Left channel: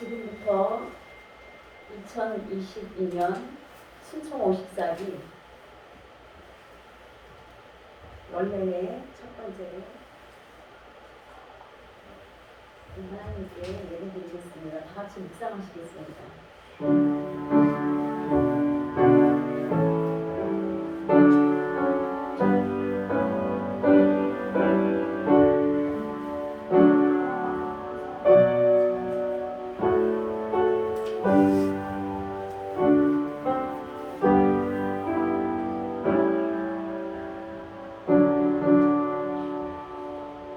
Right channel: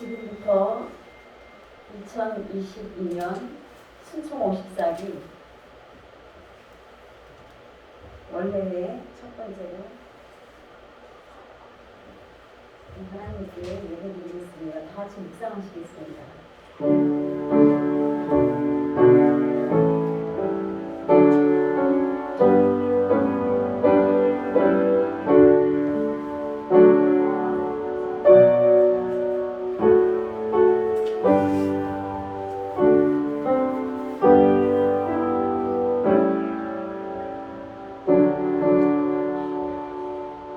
지금부터 2022년 순총 54기 원래의 첫 번째로 하나님께 예배드리겠습니다. 다 같이 묵상하시겠습니다.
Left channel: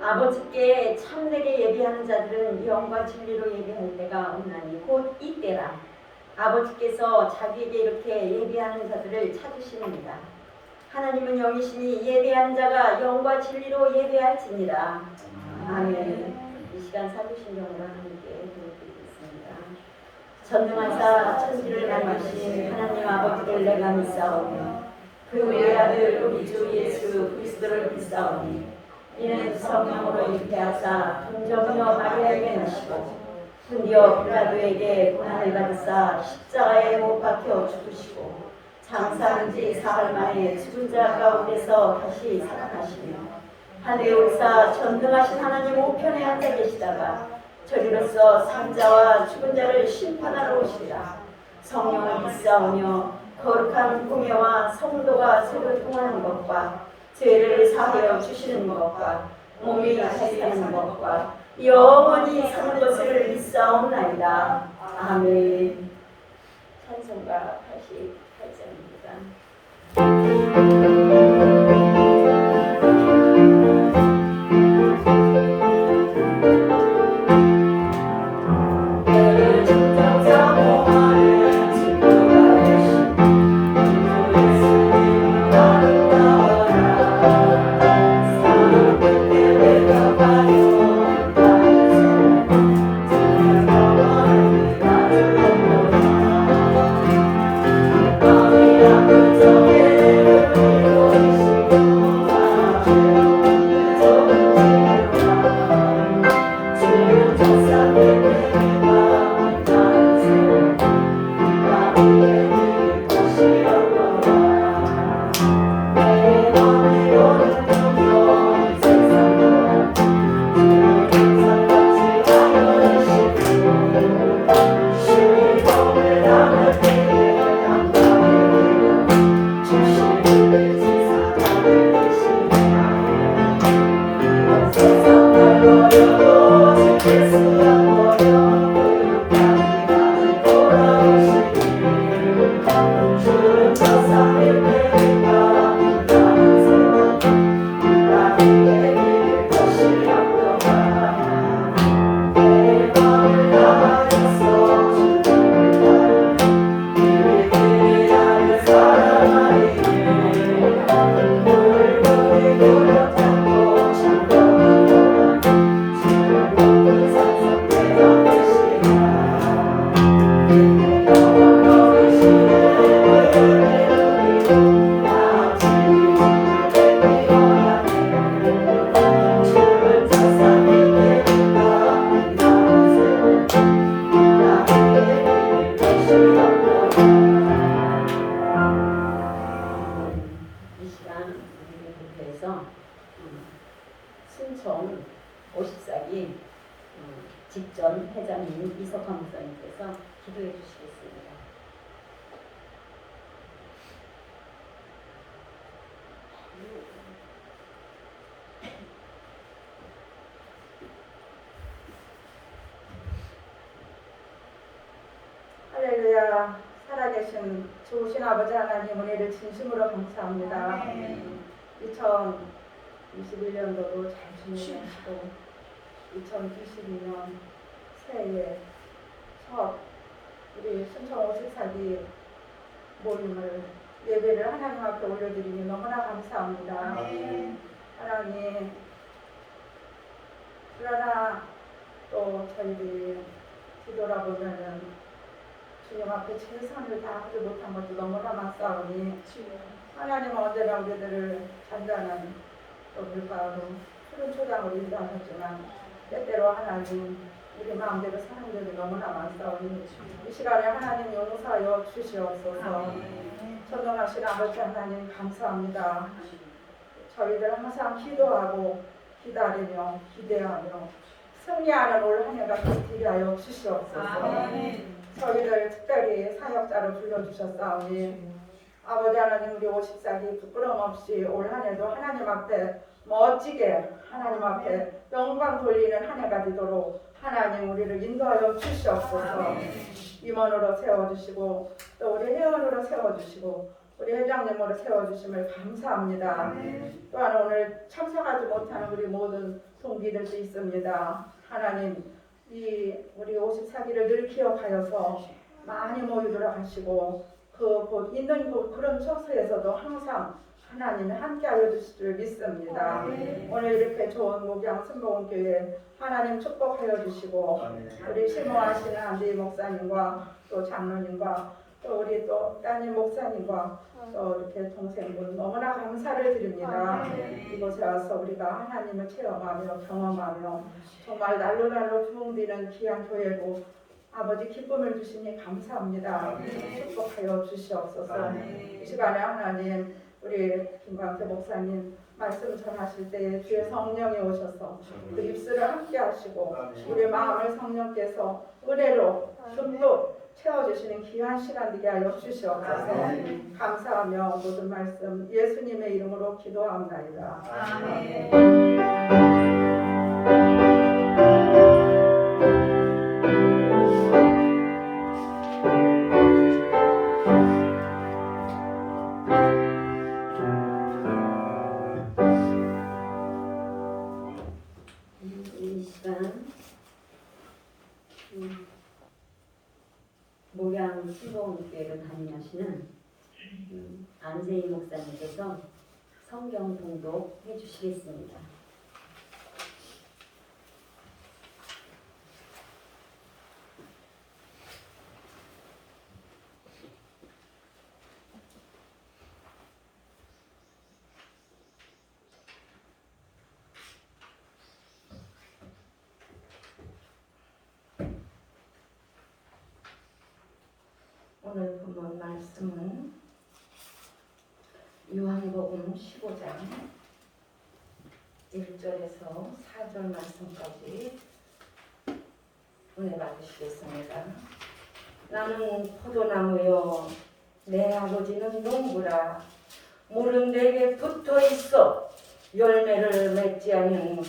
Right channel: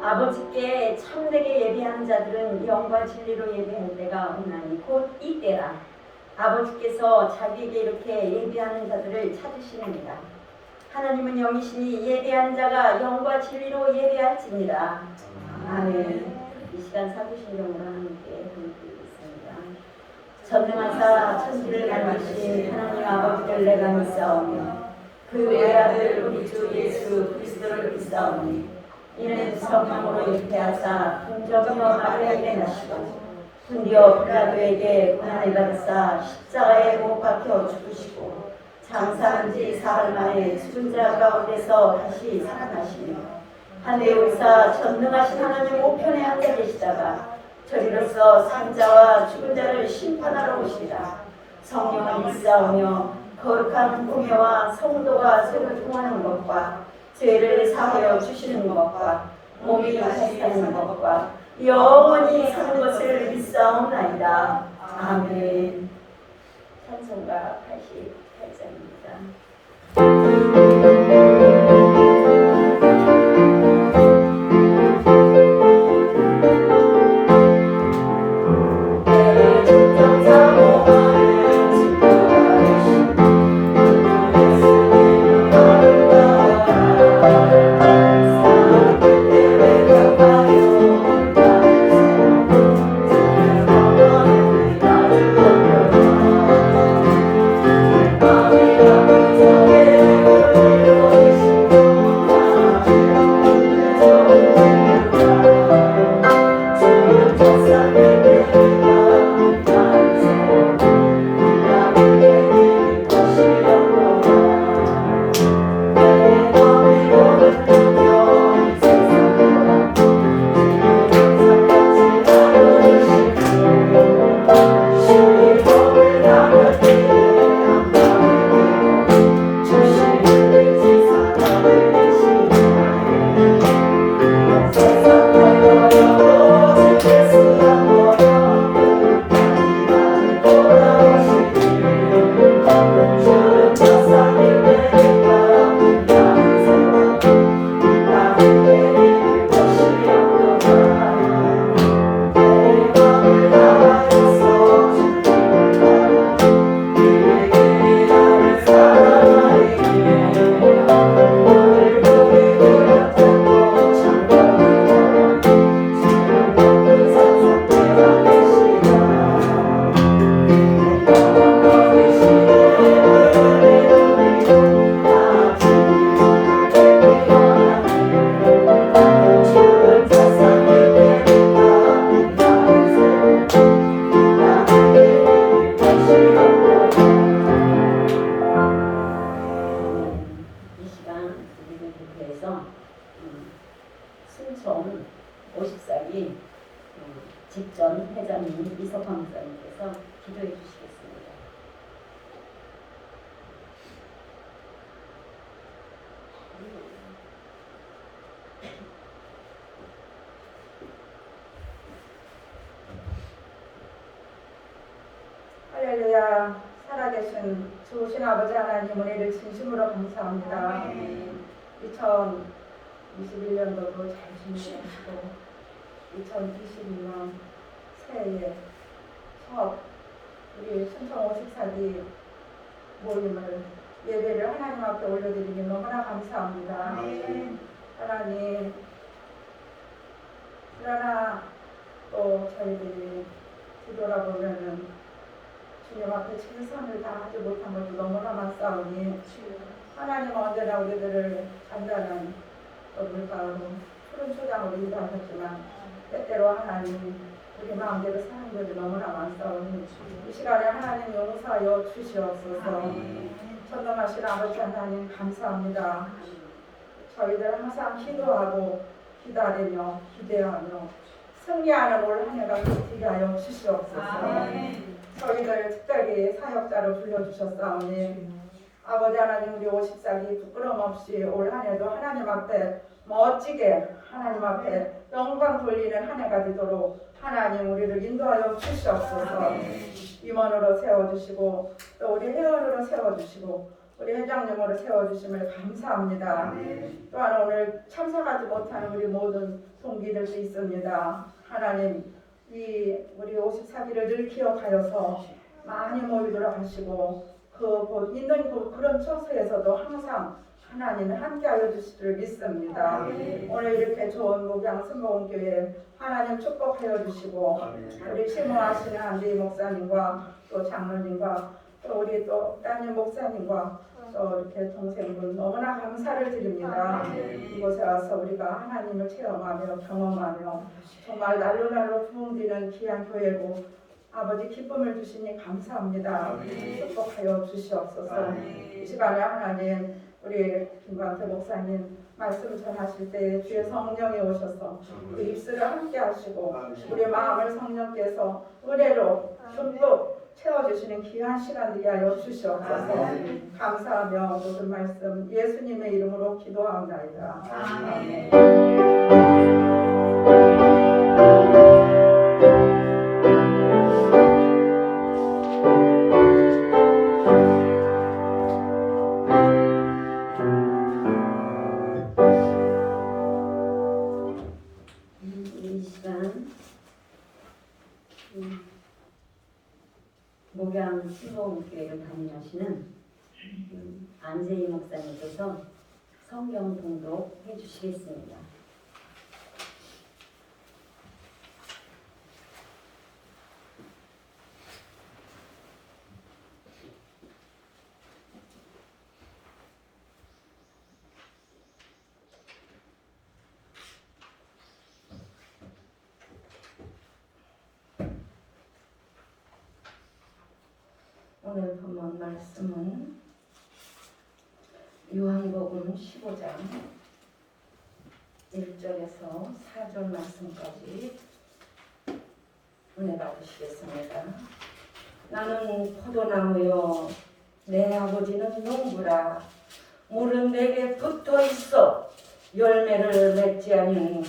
아버지께 참되게 예배하는 자들은 영과 진리로 예배할 때가 오나니 곧 이때라. 아버지께서 자기에게 이렇게 예배하는 자들을 찾으시느니라. 하나님은 영이시니 예배하는 자가 영과 진리로 예배할지니라. 아멘. 이 시간 사주신 영으로 하나님께 보내드리겠습니다. 전능하사 천지를 만드신 하나님 아버지를 내가 믿사오니 그 외아들 우리 주 예수 그리스도를 믿사오니 이는 성령으로 잉태하사 동정녀 마리아에게 나시고 분디어 빌라도에게 고난을 받으사 십자가에 못 박혀 죽으시고 장사한 지 사흘 만에 죽은 자 가운데서 다시 살아나시며 하늘에 오르사 전능하신 하나님 우편에 앉아 계시다가 저리로서 산자와 죽은 자를 심판하러 오시리라. 성령을 믿사오며 거룩한 공예와 성도가 속을 통하는 것과 죄를 사하여 주시는 것과 몸이 다시 사는 것과 영원히 사는 것을 믿사옵나이다. 아멘. 찬송가 88장입니다. 순총 54기 직전 회장님 이석환 목사님께서 기도해 주시겠습니다. 할렐루야. 살아계신 좋으신 아버지 하나님 은혜를 진심으로 감사합니다. 2021년도도 잘 지내시고 2022년 새해에 첫 우리 순천 54기 모임을 예배를 하나님 앞에 올려드리니 너무나 감사합니다. 하나님, 그러나 또 저희들이 뒤돌아보면은 주님 앞에 최선을 다하지 못한 것도 너무나 많사오니 하나님은 언제나 우리들을 잔잔한 또 물가로 푸른 초장으로 인도하셨지만 때때로 하나님 우리 마음대로 사람들이 너무나 많사오니 이 시간에 하나님 용서하여 주시옵소서. 전능하신 아버지 하나님 감사합니다. 저희들 항상 기도하고 기다리며 기대하며 승리하는 올 한 해가 되게 하여 주시옵소서. 저희들 특별히 사역자로 불러주셨사오니 아버지 하나님 우리 50살이 부끄럼 없이 올 한 해도 하나님 앞에 멋지게 하나님 앞에 영광 돌리는 한 해가 되도록 하나님 우리를 인도하여 주시옵소서. 임원으로 세워주시고 또 우리 회원으로 세워주시고 우리 회장님으로 세워주심을 감사합니다. 또한 오늘 참석하지 못한 우리 모든 동기들도 있습니다. 하나님 이 우리 54기를 늘 기억하여서 많이 모이도록 하시고 그 곧 있는 그런 처소에서도 항상 하나님이 함께하여 주실 줄 믿습니다. 오늘 이렇게 좋은 목양 승복원교회 하나님 축복하여 주시고 우리 심호하시는 안대희 목사님과 또 장로님과 또 우리 또 따님 목사님과 또 이렇게 동생분 너무나 감사를 드립니다. 이곳에 와서 우리가 하나님을 체험하며 경험하며 정말 날로 부흥되는 귀한 교회고 아버지 기쁨을 주시니 감사합니다. 축복하여 주시옵소서. 이 시간에 하나님 우리 김광태 목사님 말씀 전하실 때 주의 성령이 오셔서 그 입술을 함께 하시고 우리 마음을 성령께서 은혜로 듬뿍 채워주시는 귀한 시간 되게 하여 주시옵소서. 감사하며 모든 말씀 예수님의 이름으로 기도하옵나이다. 이 시간 목양 수도교회를 담임하시는 안재희 목사님께서 성경 공독 해주시겠습니다. 오늘 본문 말씀은 요한복음 15장 1절에서 4절 말씀까지 은혜 받으시겠습니다. 나는 포도나무요 내 아버지는 농부라. 물은 내게 붙어 있어 열매를 맺지 않은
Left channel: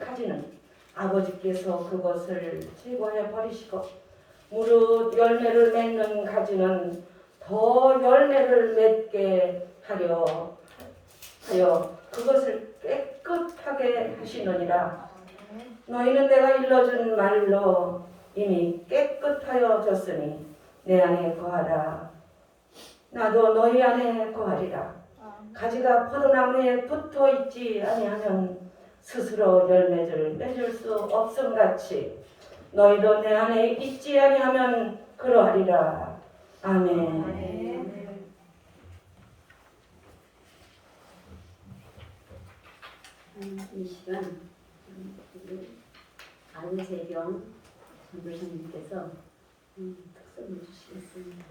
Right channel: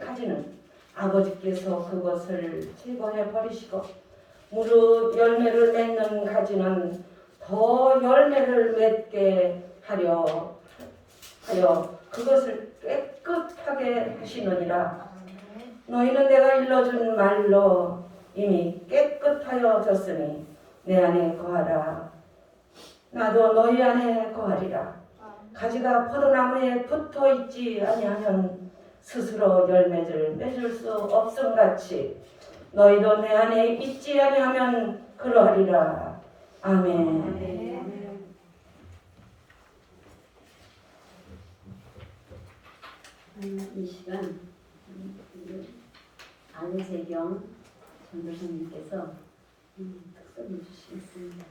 가지는 아버지께서 그것을 제거해 버리시고 무릇 열매를 맺는 가지는 더 열매를 맺게 하려 그것을 깨끗하게 하시느니라. 너희는 내가 일러준 말로 이미 깨끗하여졌으니 내 안에 거하라. 나도 너희 안에 거하리라. 가지가 포도나무에 붙어 있지 아니하면 스스로 열매를 맺을 수 없음같이 너희도 내 안에 있지 아니하면 그러하리라. 아멘. 이 시간 안세경 전도사님께서 특선을 주시겠습니다.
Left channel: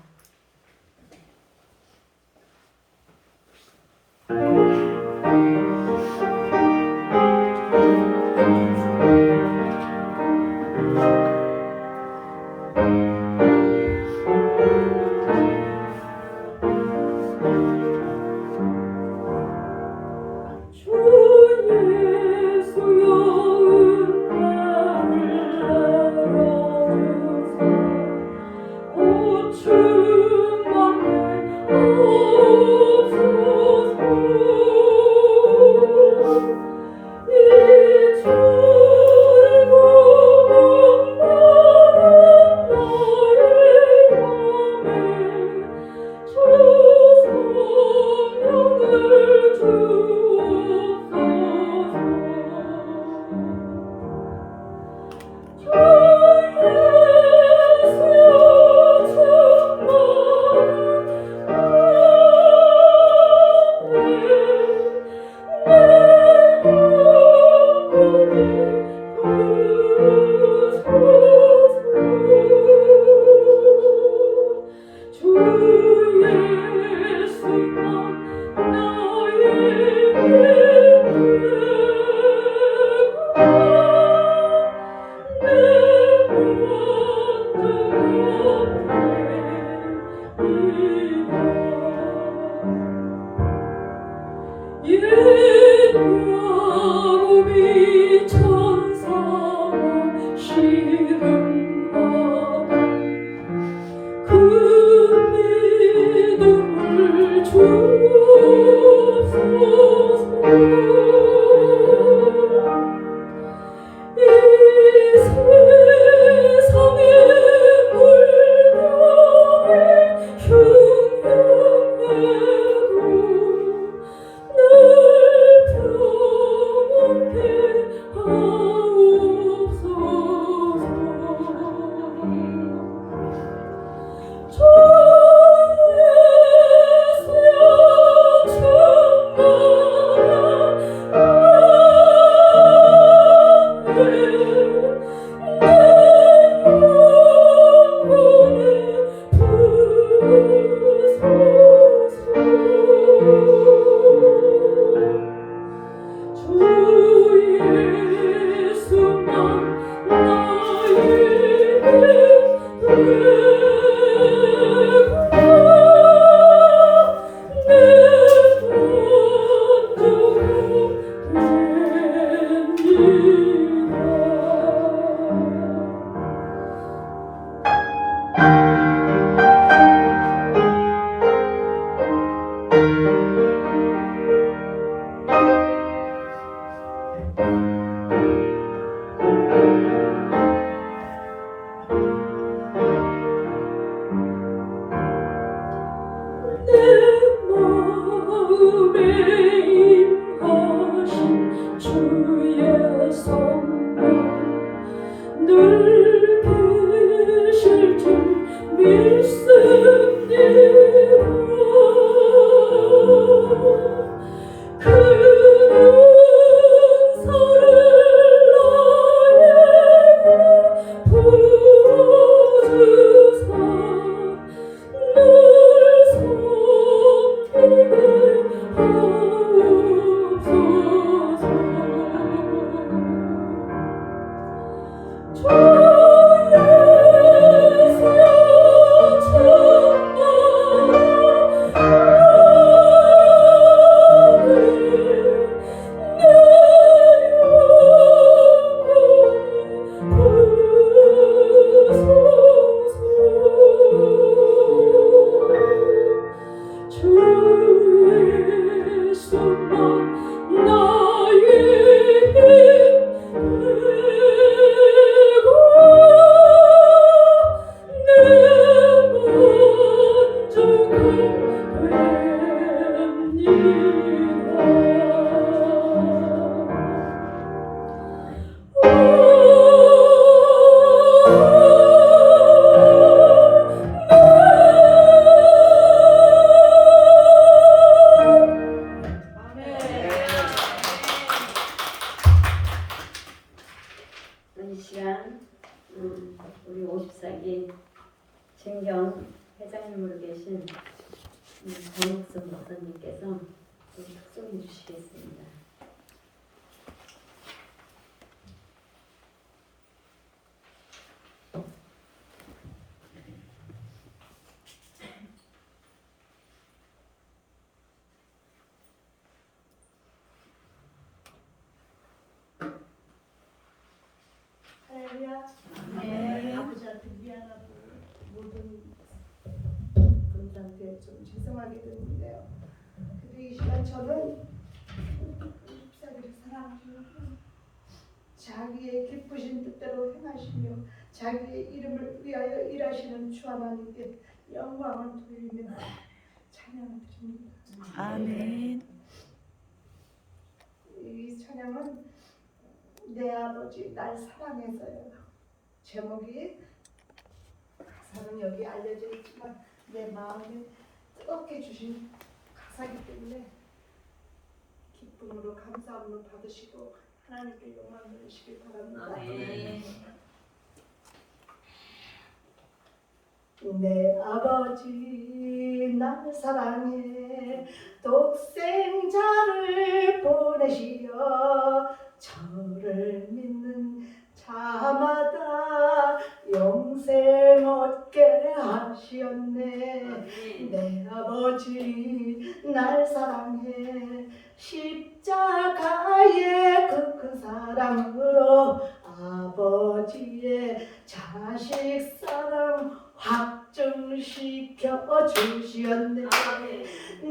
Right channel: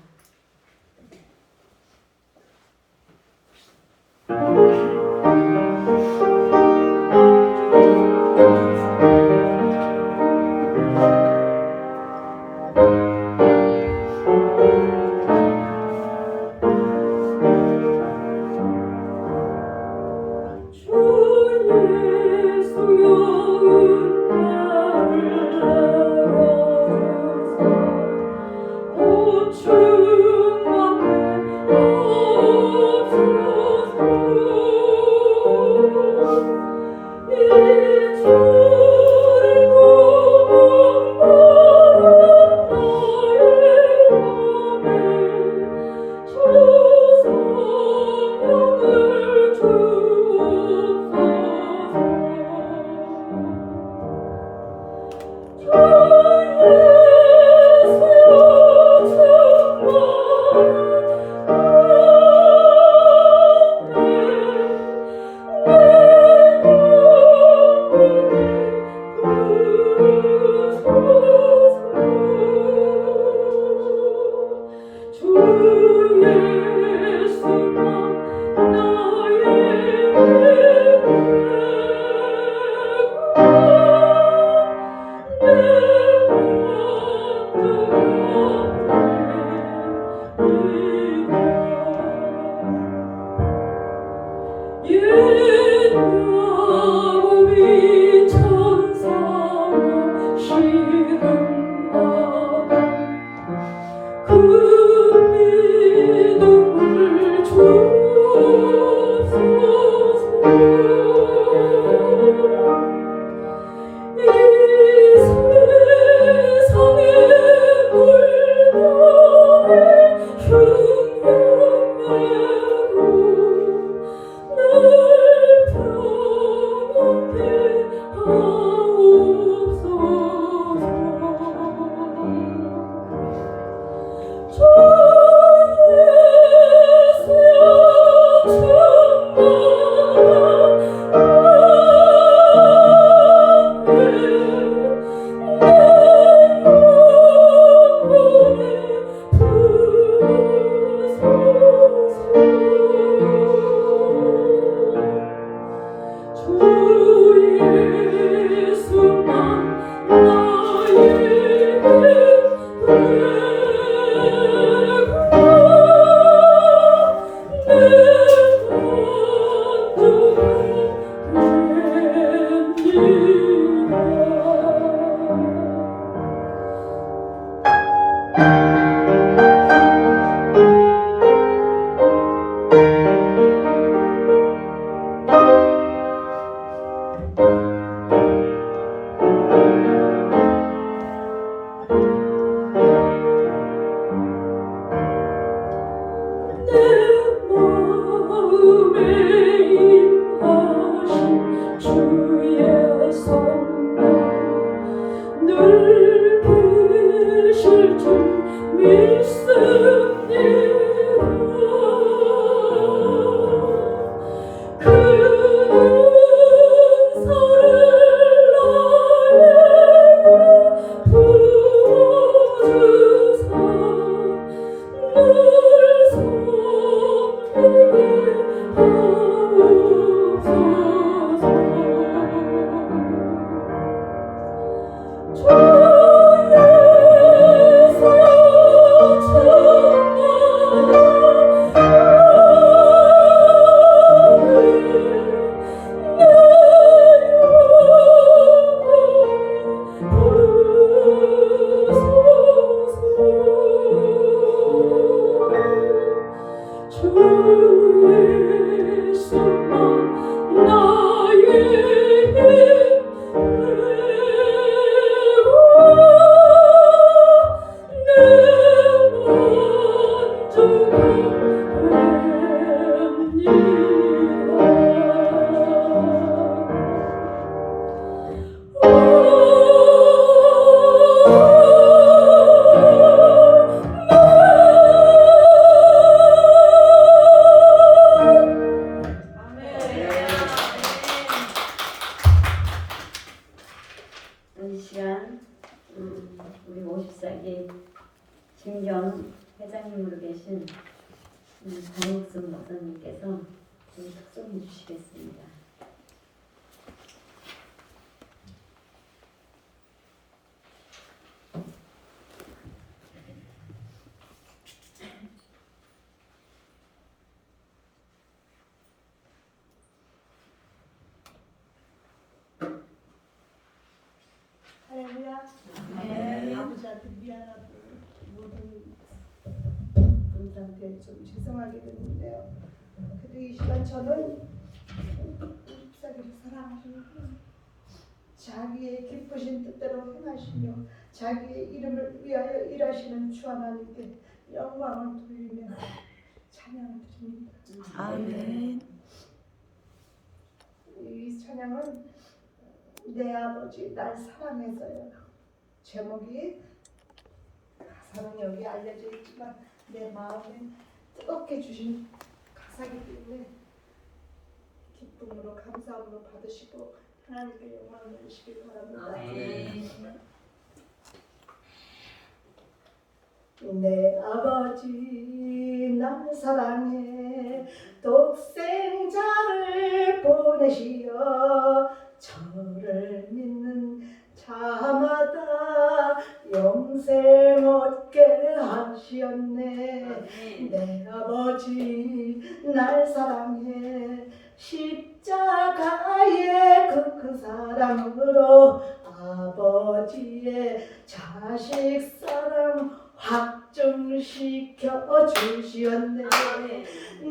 true. 이 시간 우리 54기 진경 회장님으로 계신 권익순 목사님께서 특송해 주시겠습니다. 할렐루야. 아버지한테 미안하고 모든 분들한테 좀 죄송하게 되는데요. 그래도 이 시간 저는 입사기를 사랑하시는 하나님, 자기의 기쁘신 뜻대로 행하시며 자기의 이름을 위하여 일하시는 주 하나님께 영광을 돌리며 찬양 드립니다. 아멘. 이 찬양은 내 아버지 날 사랑해서요. 제목이 가사는 여기 알려져 있지만 내 마음에 뜨겁게 주신 가사이기 때문에 기쁨으로 감사함으로 받으시고 하나님께 영광 돌리시길 바랍니다. 내 아버지 날 사랑해 독생자를 보내시어 저를 믿는 자마다 영생 얻게 하시었네. 내 아버지 날 사랑해 십자가의 그 사랑으로 아버지의 자식 사랑 확증시켜 주시었네.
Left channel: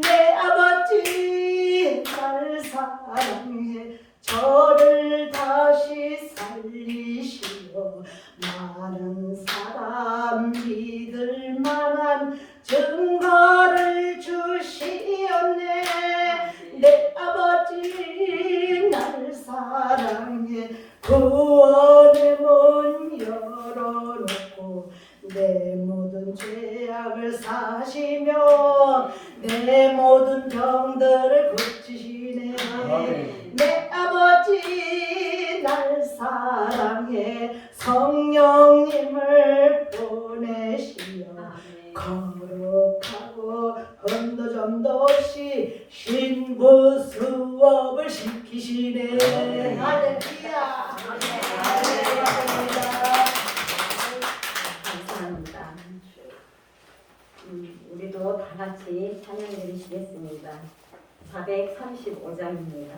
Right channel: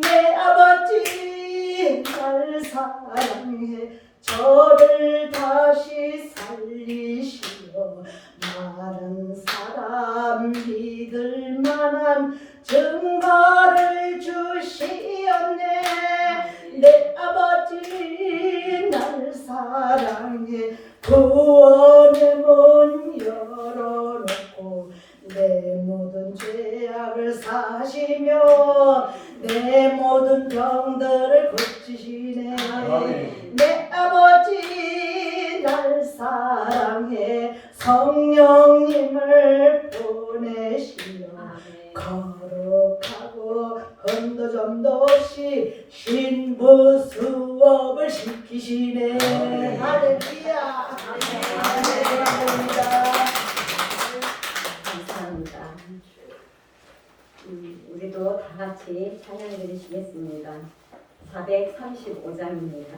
내 아버지 날 사랑해 저를 다시 살리시어 많은 사람 믿을 만한 증거를 주시었네. 내 아버지 날 사랑해 구원의 문 열어놓고 내 모든 죄악을 사시며 내 모든 병들을 고치시네. 내 아버지 날 사랑해 성령님을 보내시어 거룩하고 흠도 점도 없이 신부 수업을 시키시네. 주시네. 할렐루야. 감사합니다. 우리도 다 같이 찬양 드리시겠습니다. 435장입니다.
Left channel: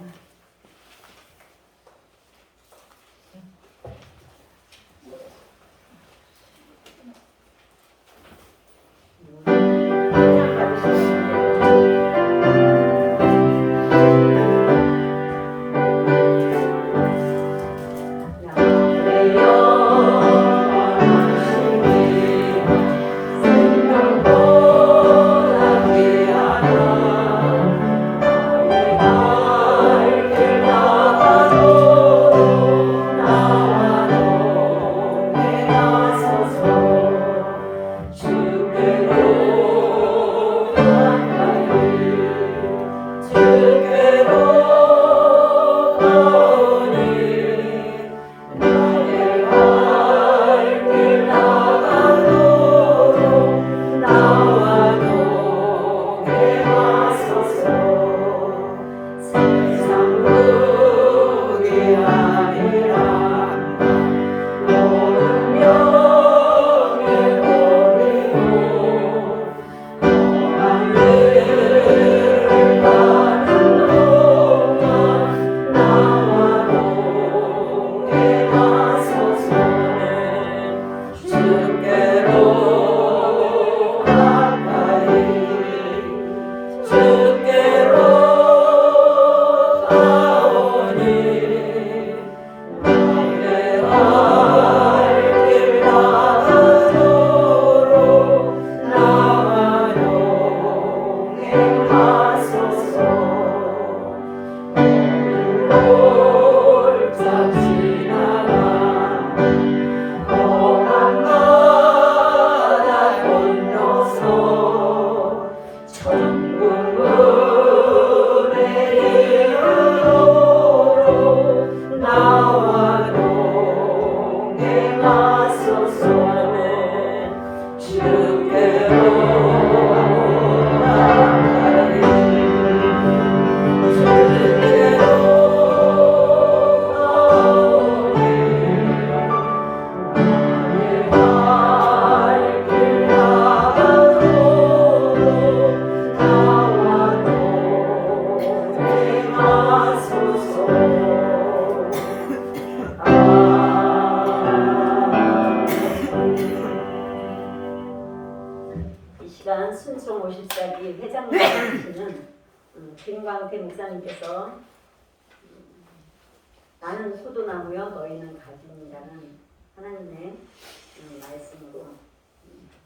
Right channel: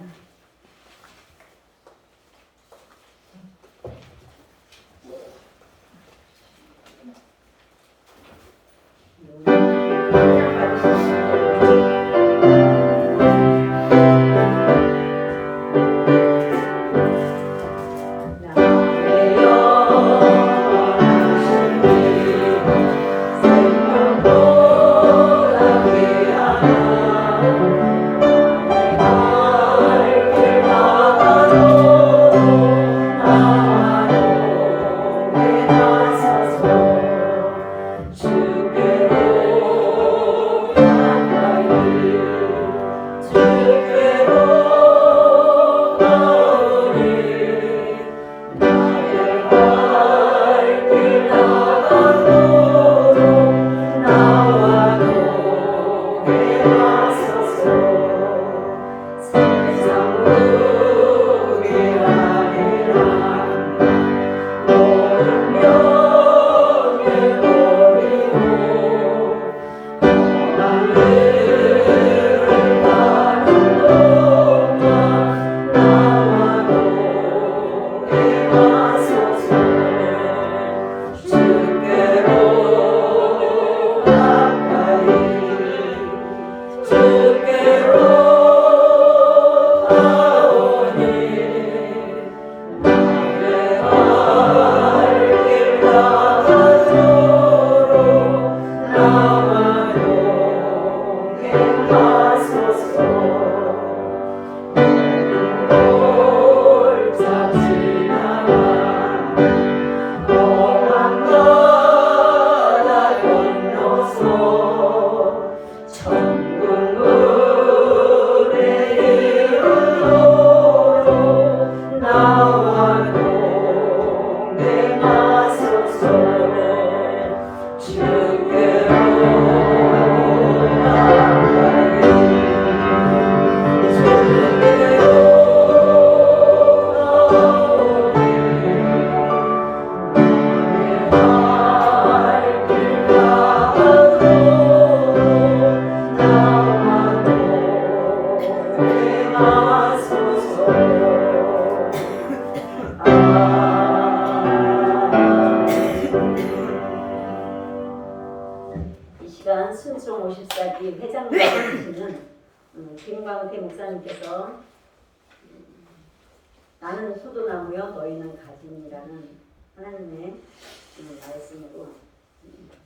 순종 54기 회장님을 계시는 김광태 목사님께서 나는 소도나무여 너희는 가지니라는 하나님의 말씀으로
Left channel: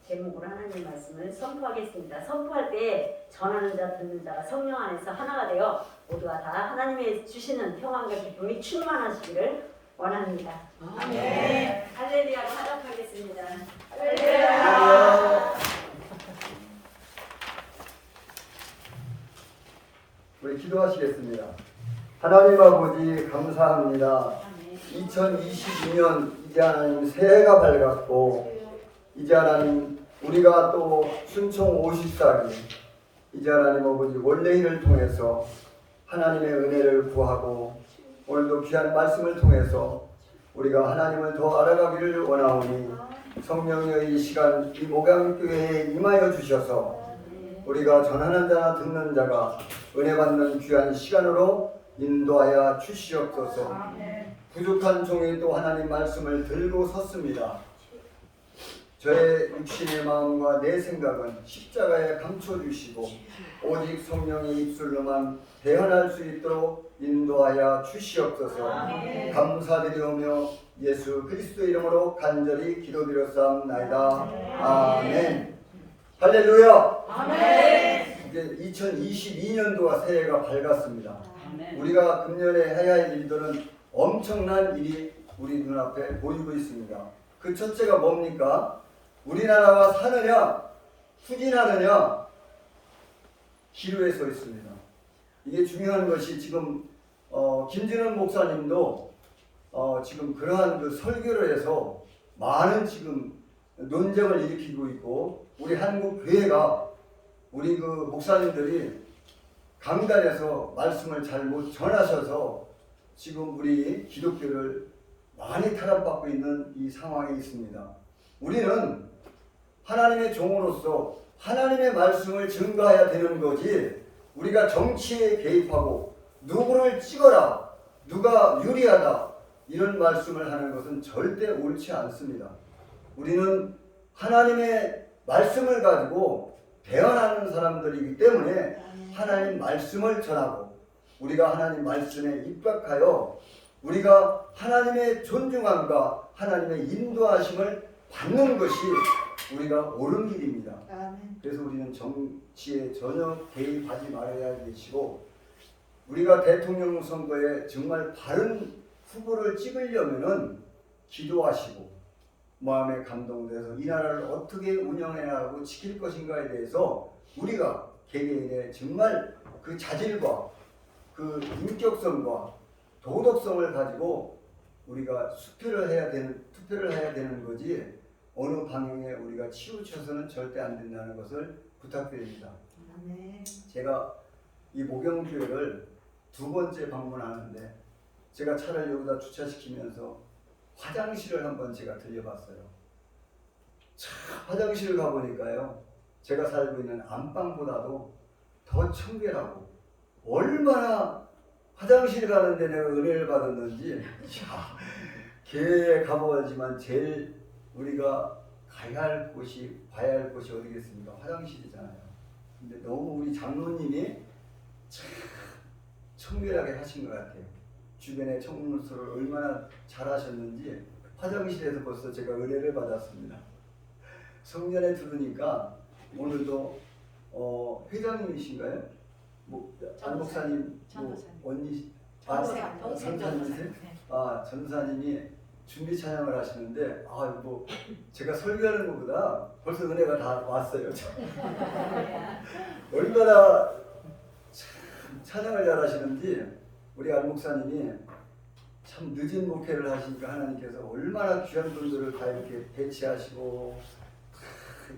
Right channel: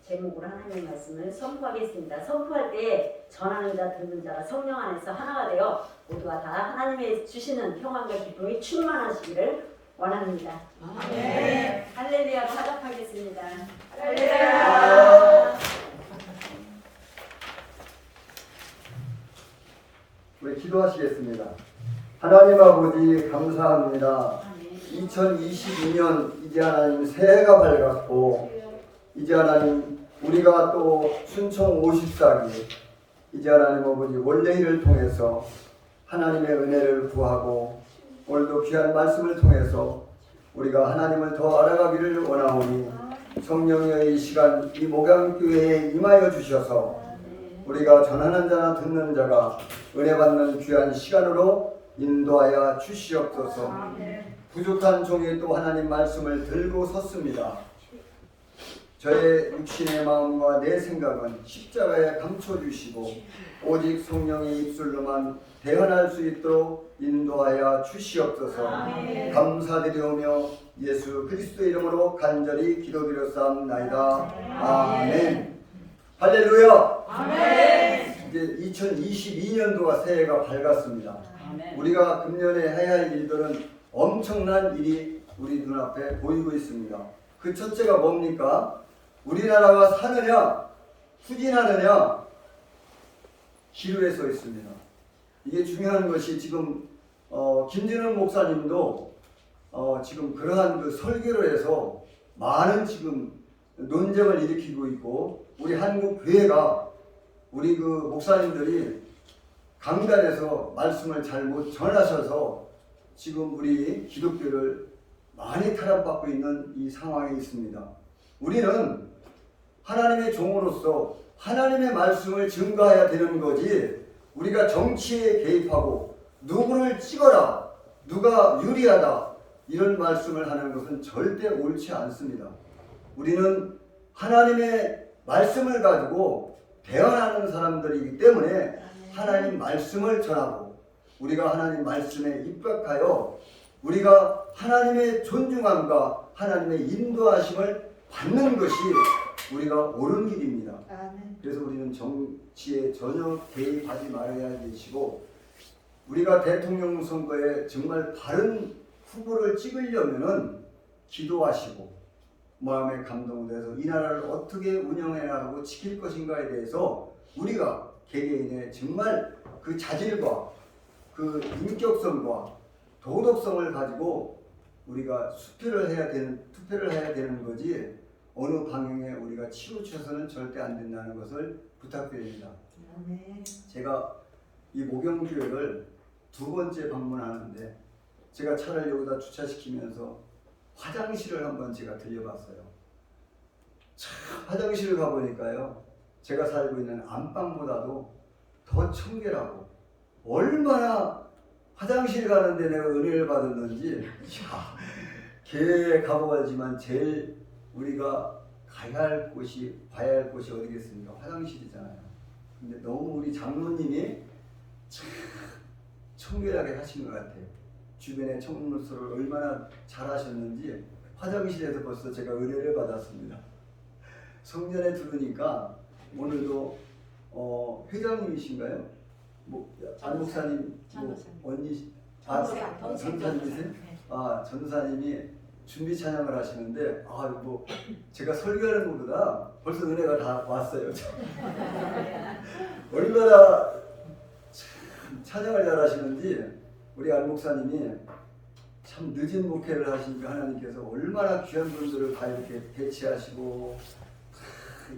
제목으로 하나님의 말씀을 선포하겠습니다. 선포할 때 전하는 자 듣는 자가 성령 안에서 하나가 되어 모두가 다 하나님의 주시는 평안과 기쁨이 충만하시기를 원합니다. 아멘. 할렐루야. 화답하겠습니다. 할렐루야. 우리 기도하시겠습니다. 하나님 아버지 감사합니다. 2022년 이제 하나님 새해가 밝았고 이제 하나님 우리가 또 순총 54기 이제 하나님 아버지 원래일을 통해서 하나님의 은혜를 구하고 오늘도 귀한 말씀을 통해서 우리가 하나님을 더 알아가기를 원하오니 성령의 이 시간 이 목양교회에 임하여 주셔서 우리가 전하는 자나 듣는 자가 은혜 받는 귀한 시간으로 인도하여 주시옵소서. 부족한 종이 또 하나님 말씀을 들고 섰습니다. 저의 육신의 마음과 내 생각은 십자가에 감춰주시고 오직 성령의 입술로만 대언할 수 있도록 인도하여 주시옵소서. 감사드리오며 예수 그리스도의 이름으로 간절히 기도드렸사옵나이다. 아멘. 할렐루야. 이제 2022년도가 새해가 밝았습니다. 우리가 금년에 해야 할 일들은 엄청난 일이 우리 눈앞에 보이고 있습니다. 그 첫째가 뭡니까? 우리나라가 사느냐 후진하느냐 기로에 서 있습니다. 이게 중요한 것이 지금 김진훈 목사님도 지금 그러한 그 설교를 해서 많은 지금 논쟁을 일으키고 있고 우리 한국 교회가 우리 그 목사님들이 강단에서 말씀을 잘못 전하셔서 지금 우리 기독교를 많이 탄압받고 있는 이 상황에 있습니다. 우리는 하나님의 종으로서 하나님의 말씀을 증거해야 되는 거지, 우리가 정치에 개입하고 누구를 찍어라, 누가 유리하다, 이런 말씀을 하는 것은 절대 옳지 않습니다. 우리는 하나님의 말씀을 가지고 대언하는 사람들이기 때문에 하나님 말씀을 전하고, 우리가 하나님 말씀에 입각하여 우리가 하나님의 존중함과 하나님의 인도하심을 받는 것이 우리가 옳은 길입니다. 그래서 우리는 정치에 전혀 개입하지 말아야 되시고, 우리가 대통령 선거에 정말 바른 후보를 찍으려면은 기도하시고 마음에 감동돼서 이 나라를 어떻게 운영해야 하고 지킬 것인가에 대해서 우리가 개개인의 정말 그 자질과 그 인격성과 도덕성을 가지고 우리가 투표를 해야 되는 거지, 어느 방향에 우리가 치우쳐서는 절대 안 된다는 것을 부탁드립니다. 제가 이 목영교회를 2번째 방문하는데, 제가 차를 여기다 주차시키면서 화장실을 한번 제가 들려봤어요. 참, 화장실을 가보니까요, 제가 살고 있는 안방보다도 더 청결하고, 얼마나 화장실 가는데 내가 은혜를 받았는지, 교회에 가보지만 제일 우리가 가야 할 곳이, 봐야 할 곳이 어디겠습니까? 화장실이잖아요. 근데 너무 우리 장로님이 참 청결하게 하신 것 같아요. 주변에 청물소를 얼마나 잘하셨는지 화장실에서 벌써 제가 은혜를 받았습니다. 성전에 들으니까 오늘도 회장님이신가요? 뭐 안 목사님, 뭐 언니, 전사님이세요? 전사님이 준비 찬양을 하시는데, 뭐 제가 설교하는 것보다 벌써 은혜가 다 왔어요. 얼마나 참 찬양을 잘하시는지, 우리 안 목사님이 참 늦은 목회를 하시니까 하나님께서 얼마나 귀한 분들을 다 이렇게 배치하시고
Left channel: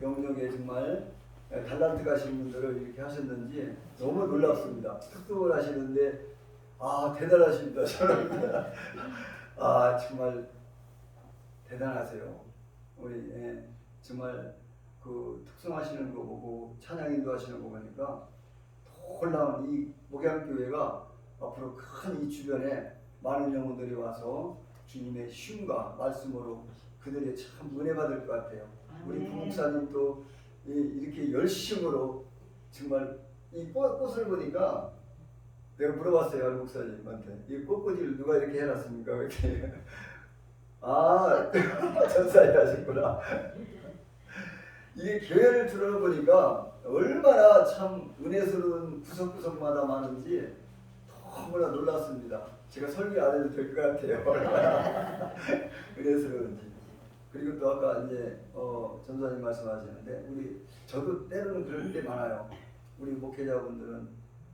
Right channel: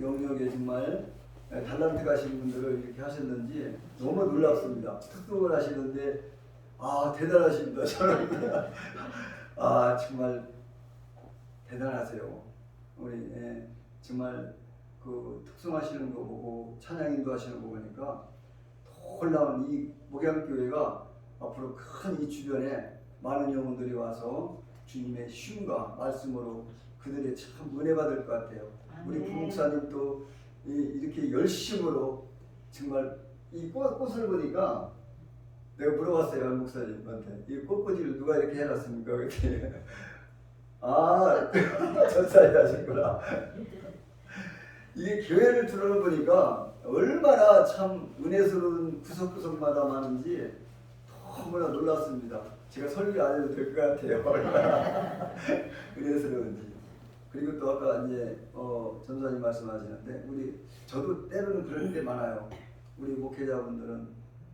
영역에 정말 달란트 가신 분들을 이렇게 하셨는지 너무 놀랍습니다. 특도를 하시는데 대단하십니다. 저는 정말 대단하세요. 우리 정말 그 특성하시는 거 보고 찬양 인도하시는 거 보니까 놀라운 이 목양교회가 앞으로 큰 이 주변에 많은 영혼들이 와서 주님의 쉼과 말씀으로 그들이 참 은혜 받을 것 같아요. 우리 부목사님도 이렇게 열심으로 정말 이 꽃을 보니까 내가 물어봤어요, 안 목사님한테. 이 꽃꽂이를 누가 이렇게 해놨습니까? 이렇게. 전사님 하셨구나. 이게 교회를 들어보니까 얼마나 참 은혜스러운 구석구석마다 많은지 너무나 놀랐습니다. 제가 설교 안 해도 될 것 같아요. 얼마나 은혜스러운지. 그리고 또 아까 이제 전사님 말씀하시는데, 저도 때로는 그럴 때 많아요. 우리 목회자분들은,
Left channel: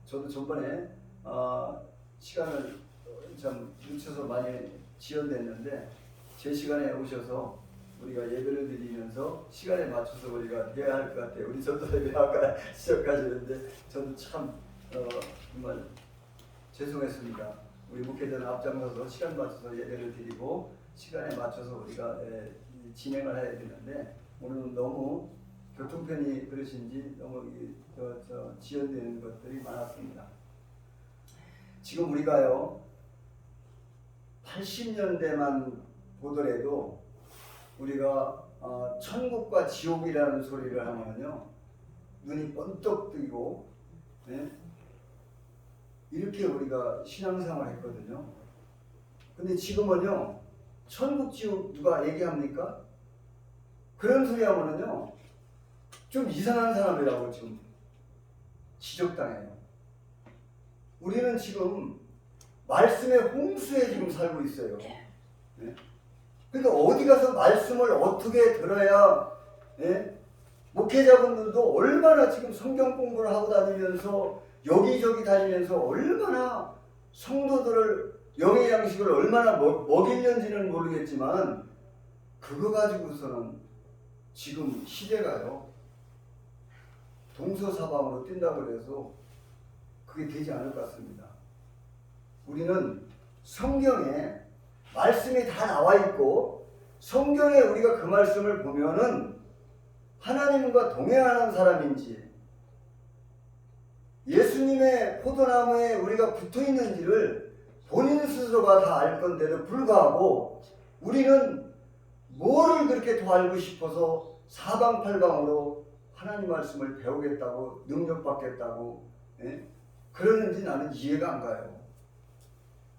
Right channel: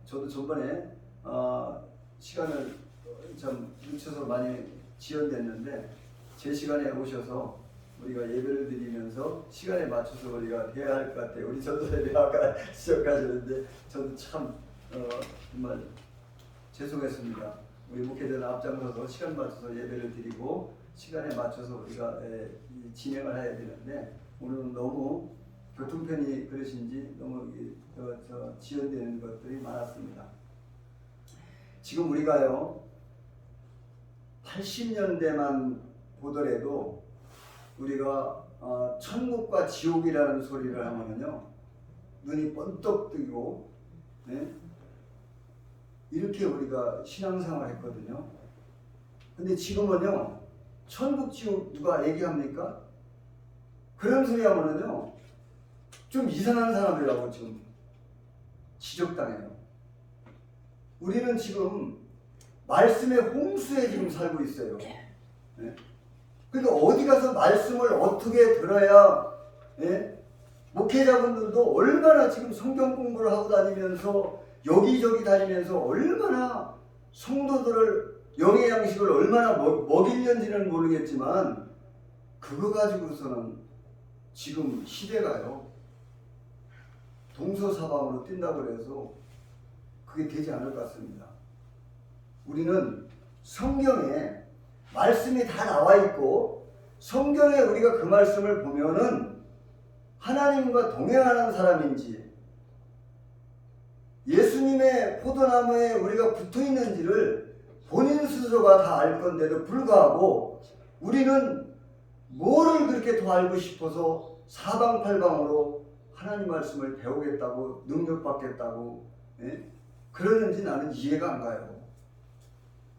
저도 전번에 시간을 참 늦춰서 많이 지연됐는데, 제 시간에 오셔서 우리가 예배를 드리면서 시간에 맞춰서 우리가 해야 할 것 같아요. 우리 전사님이 아까 시작하시는데 저도 참 정말 죄송했습니다. 우리 목회자는 앞장서서 시간 맞춰서 예배를 드리고 시간에 맞춰서 우리가 진행을 해야 되는데, 오늘은 너무 교통편이 그러신지 너무 지연되는 것들이 많았습니다. 지금 우리가요 80년대만 보더라도 우리가 천국과 지옥이라는 소리를 하면요 눈이 번쩍 뜨고, 이렇게 우리가 신앙생활을 했거든요. 근데 지금은요 천국 지옥 누가 얘기합니까? 그런 소리 하면은요 좀 이상한 사람이라고 좀 지적당해요. 우리는 지금 말씀의 홍수에 지금 살고 있어요. 그러니까 어디 가서 말씀을 어떻게 들어야, 목회자분들도 얼마나 지금 성경 공부를 하고 다니면서 여기저기 다니면서 얼마나 성도들을 영의 양식을 얼마나 먹이는지는 모르겠지만, 그거 가지고서는 지금 시대가요 동서사방으로 뛴다고 해서 그게 되지 않을 것 같습니다. 우리는 성경에 말씀이 다 나와 있고 성경에 우리가 그 말씀을 보면은 하나님과 동행하는 사람인지 예수님의 포도나무에 우리가 붙어 있는지를 본인 스스로가 다 알 건데도 불구하고 우리는 뭐를 그렇게 더 알고 싶어서 사방팔방으로 하나님 말씀을 배우겠다고 능력받겠다고 그러는지 나는 이해가 안 가요.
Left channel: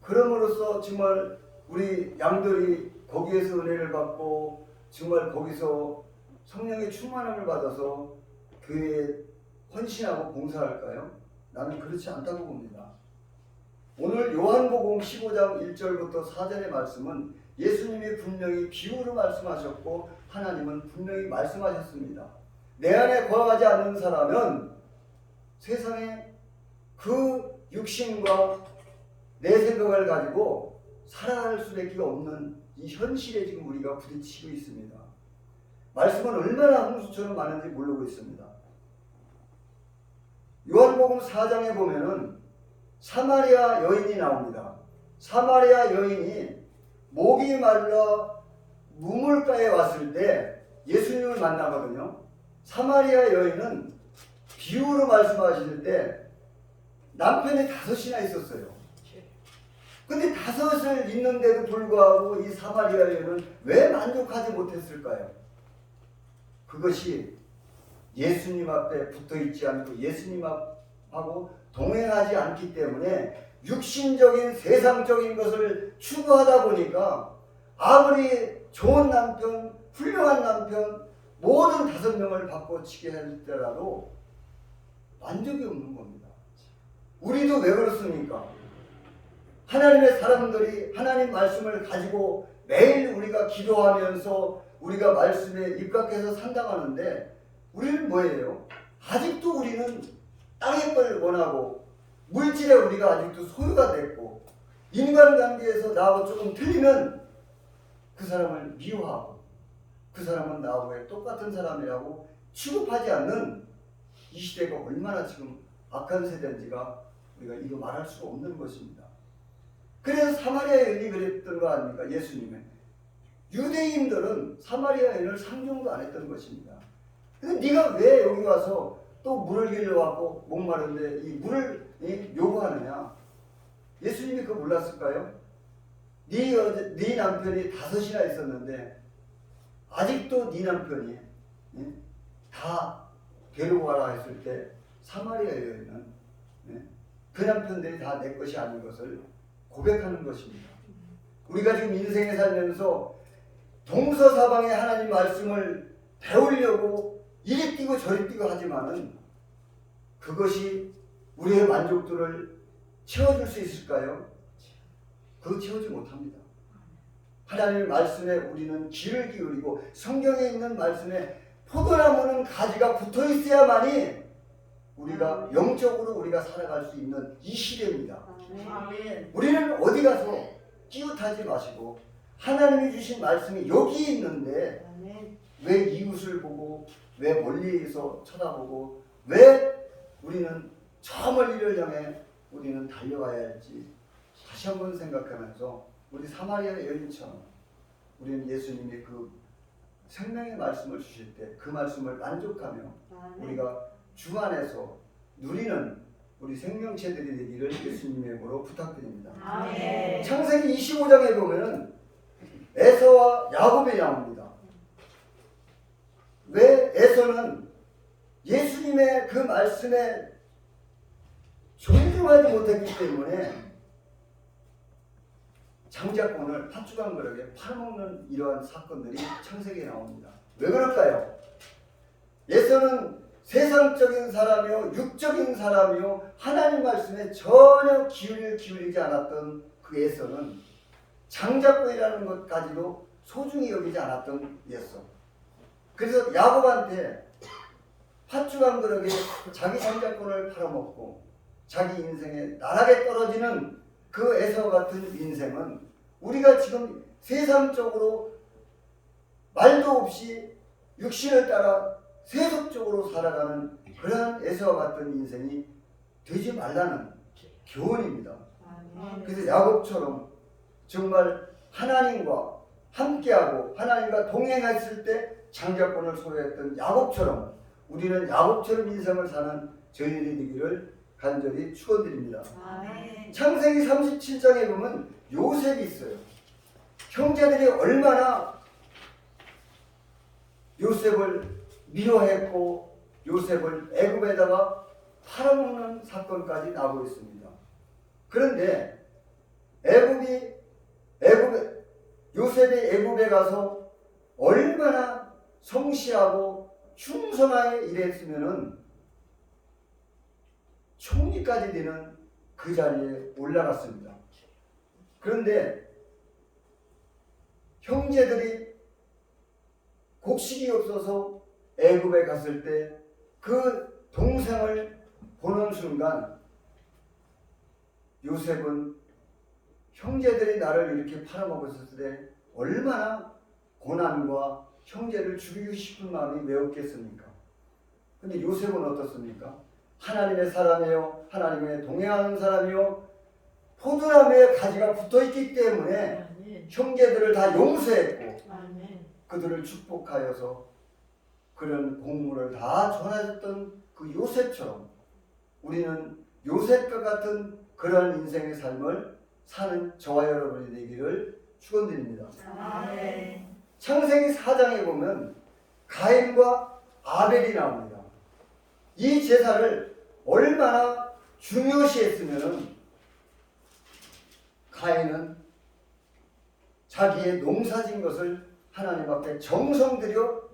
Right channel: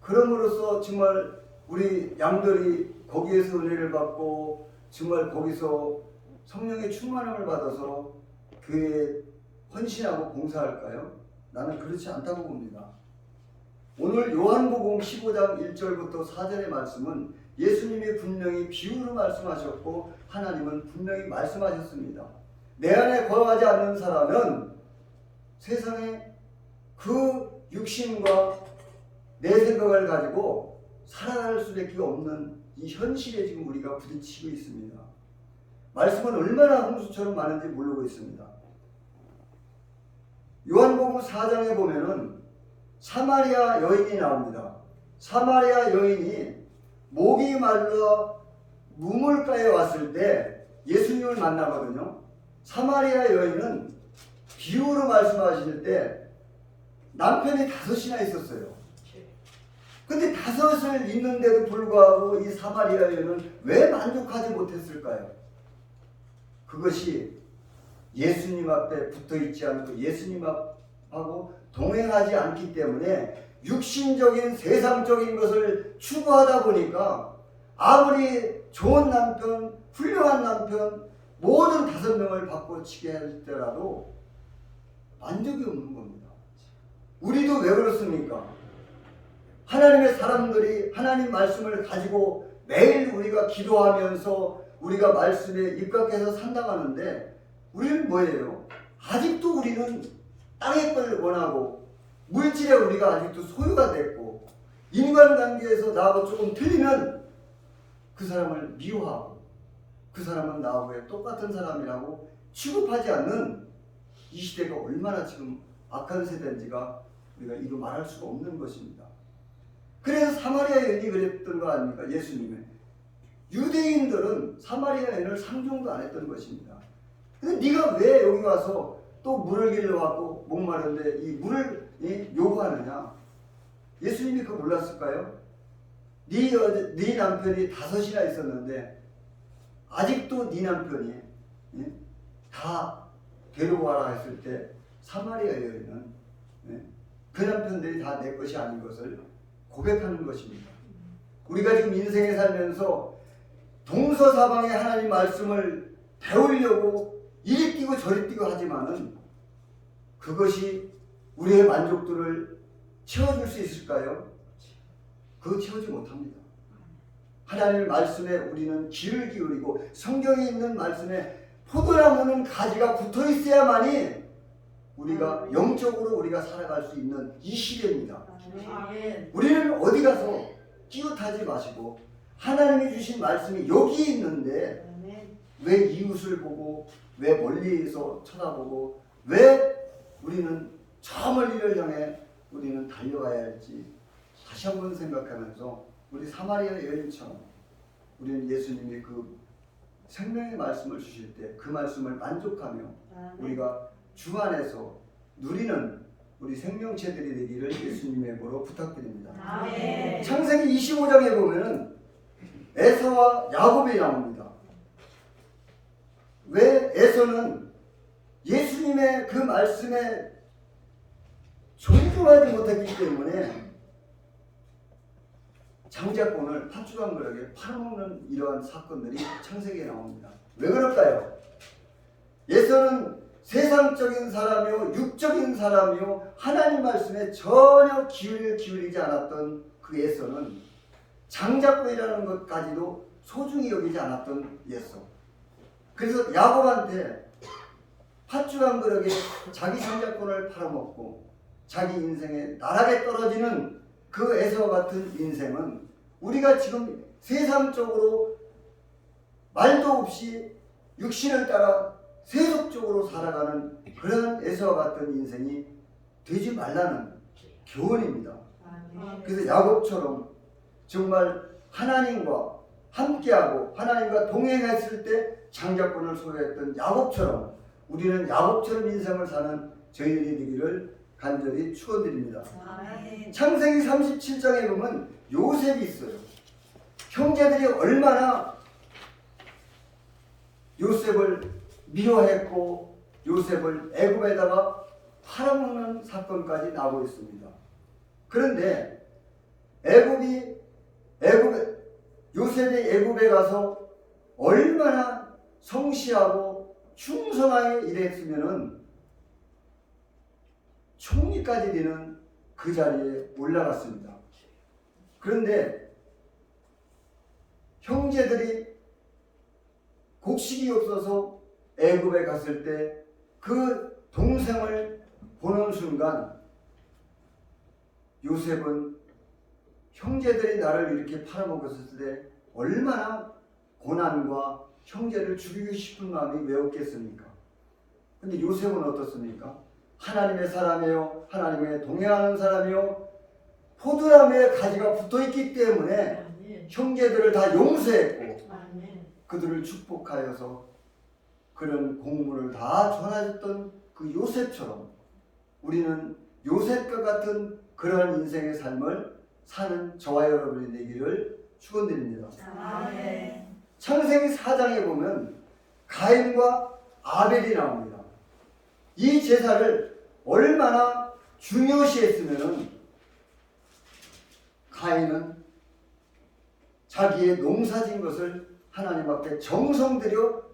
그럼으로써 정말 우리 양들이 거기에서 은혜를 받고 정말 거기서 성령의 충만함을 받아서 교회에 헌신하고 봉사할까요? 나는 그렇지 않다고 봅니다. 오늘 요한복음 15장 1절부터 4절의 말씀은 예수님이 분명히 비유로 말씀하셨고 하나님은 분명히 말씀하셨습니다. 내 안에 거하지 않는 사람은 세상에 그 육신과 내 생각을 가지고 살아갈 수밖에 없는 이 현실에 지금 우리가 부딪히고 있습니다. 말씀은 얼마나 홍수처럼 많은지 모르고 있습니다. 요한복음 4장에 보면은 사마리아 여인이 나옵니다. 사마리아 여인이 목이 말라 무물가에 왔을 때 예수님을 만나거든요. 사마리아 여인은 비유로 말씀하실 때 남편이 5이나 있었어요. 근데 5을 있는데도 불구하고 이 사마리아 여인은 왜 만족하지 못했을까요? 그것이 예수님 앞에 붙어 있지 않고 예수님하고 동행하지 않기 때문에 육신적인 세상적인 것을 추구하다 보니까 아무리 좋은 남편, 훌륭한 남편, 모든 5명을 바꿔치게 할지라도 만족이 없는 겁니다. 우리도 왜 그렇습니까? 하나님의 사람들이 하나님 말씀을 가지고 매일 우리가 기도하면서 우리가 말씀에 입각해서 산다하는데 우리는 뭐예요? 아직도 우리는 땅의 걸 원하고 물질에 우리가 아직도 소유가 됐고 인간관계에서 나하고 조금 틀리면 그 사람을 미워하고 그 사람은 나하고 똑같은 사람이라고 취급하지 않는 이 시대가 얼마나 지금 악한 세대인지가 우리가 이루 말할 수가 없는 것입니다. 그래서 사마리아 여인이 그랬던 거 아닙니까? 예수님은 유대인들은 사마리아 여인을 상종도 안 했던 것입니다. 근데 네가 왜 여기 와서 또 물을 길러왔고 목마른데 이 물을 요구하느냐? 예수님이 그거 몰랐을까요? 네 남편이 5이나 있었는데 아직도 네 남편이 다 데려와라 했을 때 사마리아 여인은 그 남편들이 다 내 것이 아닌 것을 고백하는 것입니다. 우리가 지금 인생에 살면서 동서사방에 하나님 말씀을 배우려고 이리 뛰고 저리 뛰고 하지만은 그것이 우리의 만족도를 채워줄 수 있을까요? 그거 채우지 못합니다. 하나님의 말씀에 우리는 귀를 기울이고 성경에 있는 말씀에 포도나무는 가지가 붙어 있어야만이 우리가 영적으로 우리가 살아갈 수 있는 이 시대입니다. 우리는 어디 가서 끼웃하지 마시고 하나님이 주신 말씀이 여기에 있는데 왜 이웃을 보고 왜 멀리에서 쳐다보고 왜 우리는 저 멀리를 향해 우리는 달려가야 할지 다시 한번 생각하면서 우리 사마리아 여인처럼 우리는 예수님이 그 생명의 말씀을 주실 때 그 말씀을 만족하며 우리가 주 안에서 누리는 우리 생명체들이 되기를 예수님의 이름으로 부탁드립니다. 아멘. 창세기 25장에 보면은 에서와 야곱이 나옵니다. 왜 에서는 예수님의 그 말씀에 존중하지 못했기 때문에 장자권을 팥주간 그릇에 팔아먹는 이러한 사건들이 창세기에 나옵니다. 왜 그럴까요? 에서는 세상적인 사람이요 육적인 사람이요 하나님 말씀에 전혀 귀를 기울이지 않았던 그 에서는 장자권이라는 것까지도 소중히 여기지 않았던 에서. 그래서 야곱한테 팥주간 그릇에 자기 장자권을 팔아먹고 자기 인생에 나락에 떨어지는 그 에서와 같은 인생은 우리가 지금 세상적으로 말도 없이 육신을 따라 세속적으로 살아가는 그러한 에서와 같은 인생이 되지 말라는 교훈입니다. 그래서 야곱처럼 정말 하나님과 함께하고 하나님과 동행했을 때 장자권을 소유했던 야곱처럼 우리는 야곱처럼 인생을 사는 저희들이 되기를 간절히 축원드립니다. 아멘. 창세기 37장에 보면 요셉이 있어요. 형제들이 얼마나 요셉을 미워했고 요셉을 애굽에다가 팔아먹는 사건까지 나오고 있습니다. 그런데 요셉이 애굽에 가서 얼마나 성실하고 충성하게 일했으면은 총리까지 되는 그 자리에 올라갔습니다. 그런데 형제들이 곡식이 없어서 애굽에 갔을 때 그 동생을 보는 순간 요셉은 형제들이 나를 이렇게 팔아먹었을 때 얼마나 고난과 형제를 죽이고 싶은 마음이 왜 없겠습니까? 근데 요셉은 어떻습니까? 하나님의 사람이요, 하나님의 동행하는 사람이요, 포도나무에 가지가 붙어있기 때문에 형제들을 다 용서했고 그들을 축복하여서 그런 공물을 다 전해줬던 그 요셉처럼 우리는 요셉과 같은 그러한 인생의 삶을 사는 저와 여러분이 되기를 축원드립니다. 아멘. 창세기 4장에 보면 가인과 아벨이 나옵니다. 이 제사를 얼마나 중요시했으면은 가인은 자기의 농사진 것을 하나님 앞에 정성 들여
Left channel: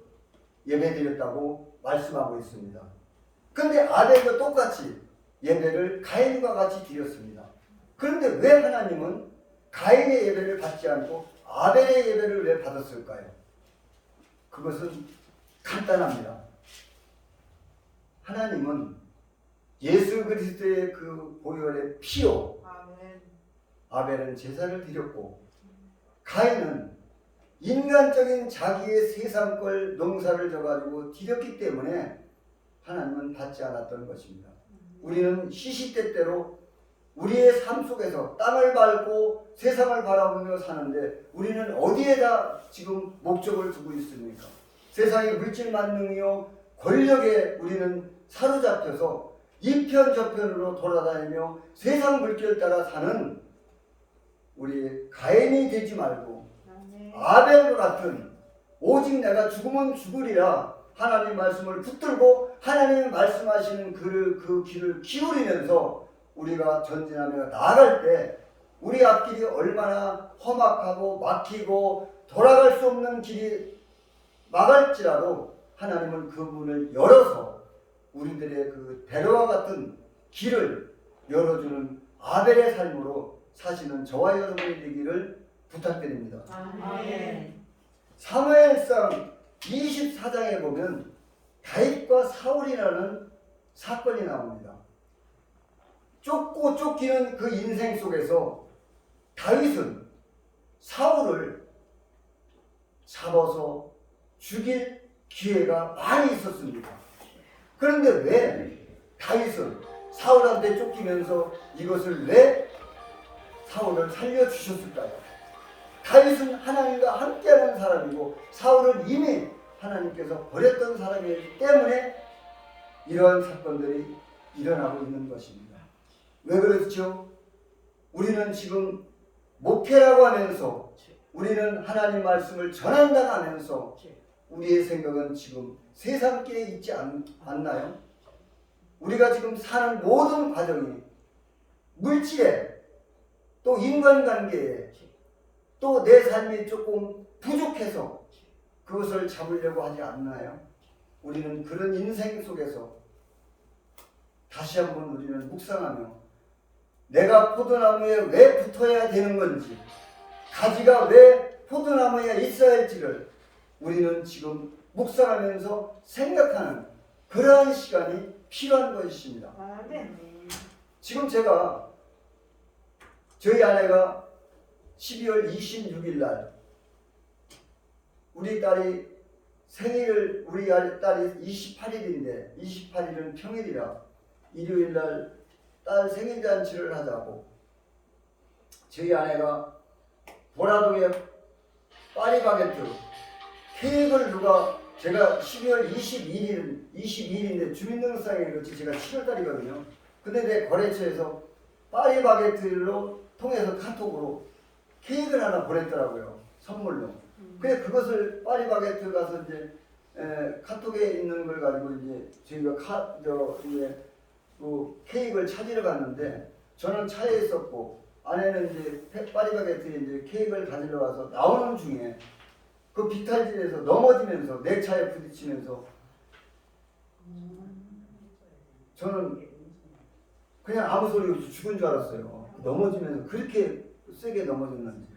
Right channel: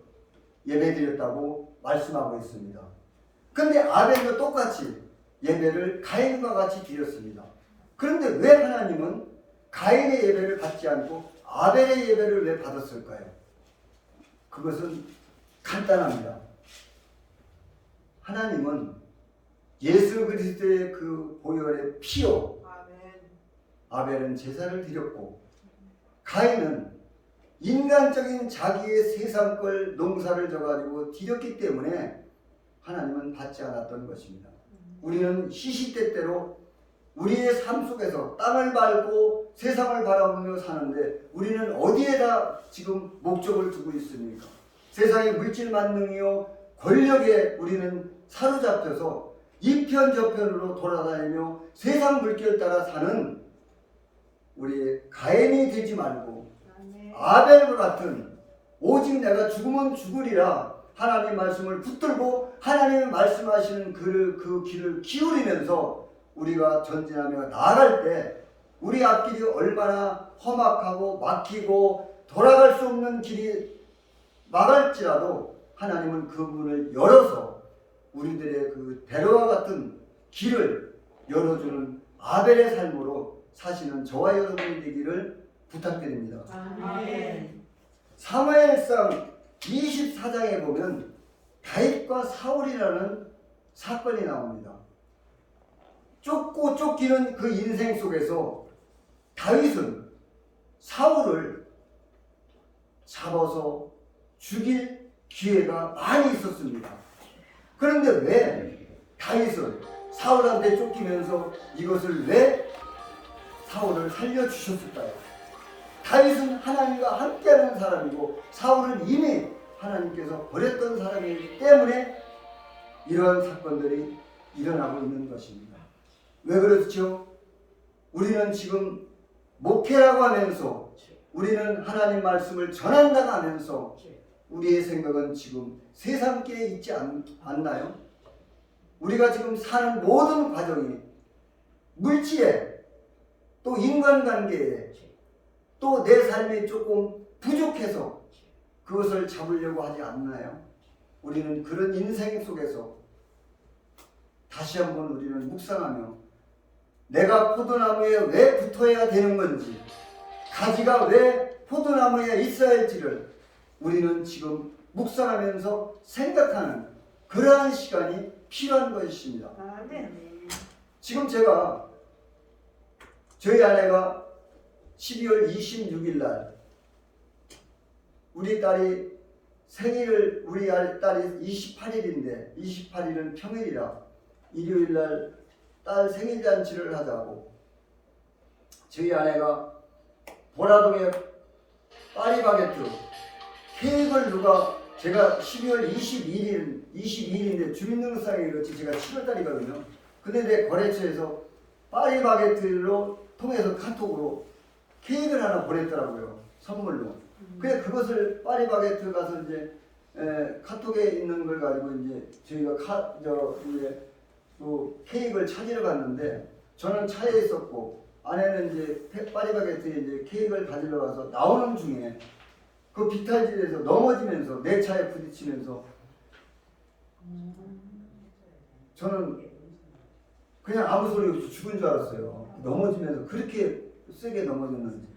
예배드렸다고 말씀하고 있습니다. 그런데 아벨도 똑같이 예배를 가인과 같이 드렸습니다. 그런데 왜 하나님은 가인의 예배를 받지 않고 아벨의 예배를 왜 받았을까요? 그것은 간단합니다. 하나님은 예수 그리스도의 그 보혈의 피로 아벨은 제사를 드렸고 가인은 인간적인 자기의 세상걸 농사를 져가지고 드렸기 때문에 하나님은 받지 않았던 것입니다. 우리는 시시때때로 우리의 삶 속에서 땅을 밟고 세상을 바라보며 사는데 우리는 어디에다 지금 목적을 두고 있습니까? 세상의 물질 만능이요 권력에 우리는 사로잡혀서 이편 저편으로 돌아다니며 세상 물결 따라 사는 우리 가인이 되지 말고 아벨과 같은 오직 내가 죽으면 죽으리라 하나님 말씀을 붙들고 하나님이 말씀하시는 그 길을 기울이면서 우리가 전진하며 나아갈 때 우리 앞길이 얼마나 험악하고 막히고 돌아갈 수 없는 길이 막을지라도 하나님은 그 문을 열어서 우리들의 그 대로와 같은 길을 열어주는 아벨의 삶으로 사시는 저와 여러분이 되기를 부탁드립니다. 아멘. 사무엘상 24장에 보면 다윗과 사울이라는 사건이 나옵니다. 쫓고 쫓기는 그 인생 속에서 다윗은 사울을 잡아서 죽일 기회가 많이 있었습니다. 그런데 왜 다윗은 사울한테 쫓기면서 이것을 왜 사울을 살려주셨을까요? 다윗은 하나님과 함께하는 사람이고 사울은 이미 하나님께서 버렸던 사람이기 때문에 이런 사건들이 일어나고 있는 것입니다. 왜 그렇죠? 우리는 지금 목회라고 하면서 우리는 하나님 말씀을 전한다고 하면서 우리의 생각은 지금 세상길에 있지 않나요? 우리가 지금 사는 모든 과정이 물질에 또 인간관계에 또 내 삶이 조금 부족해서 그것을 잡으려고 하지 않나요? 우리는 그런 인생 속에서 다시 한번 우리는 묵상하며 내가 포도나무에 왜 붙어야 되는 건지 가지가 왜 포도나무에 있어야 할지를 우리는 지금 묵상하면서 생각하는 그러한 시간이 필요한 것입니다. 지금 제가 저희 아내가 12월 26일 날 우리 딸이 생일을 우리 딸이 28일인데 28일은 평일이라 일요일 날 딸 생일 잔치를 하자고 저희 아내가 보라동에 파리바게트 케이크를 제가 12월 22일인데 주민등록상에 그렇지 제가 7월달이거든요. 근데 내 거래처에서 파리바게트로 통해서 카톡으로 케이크를 하나 보냈더라고요. 선물로. 그래 그것을 파리바게트 가서 이제 카톡에 있는 걸 가지고 이제 저희가 이제 그 케이크를 찾으러 갔는데 저는 차에 있었고 아내는 이제 파리바게트에 이제 케이크를 가지러 가서 나오는 중에 그 비탈진에서 넘어지면서 내 차에 부딪히면서 저는 그냥 아무 소리 없이 죽은 줄 알았어요. 넘어지면서 그렇게 세게 넘어졌는지.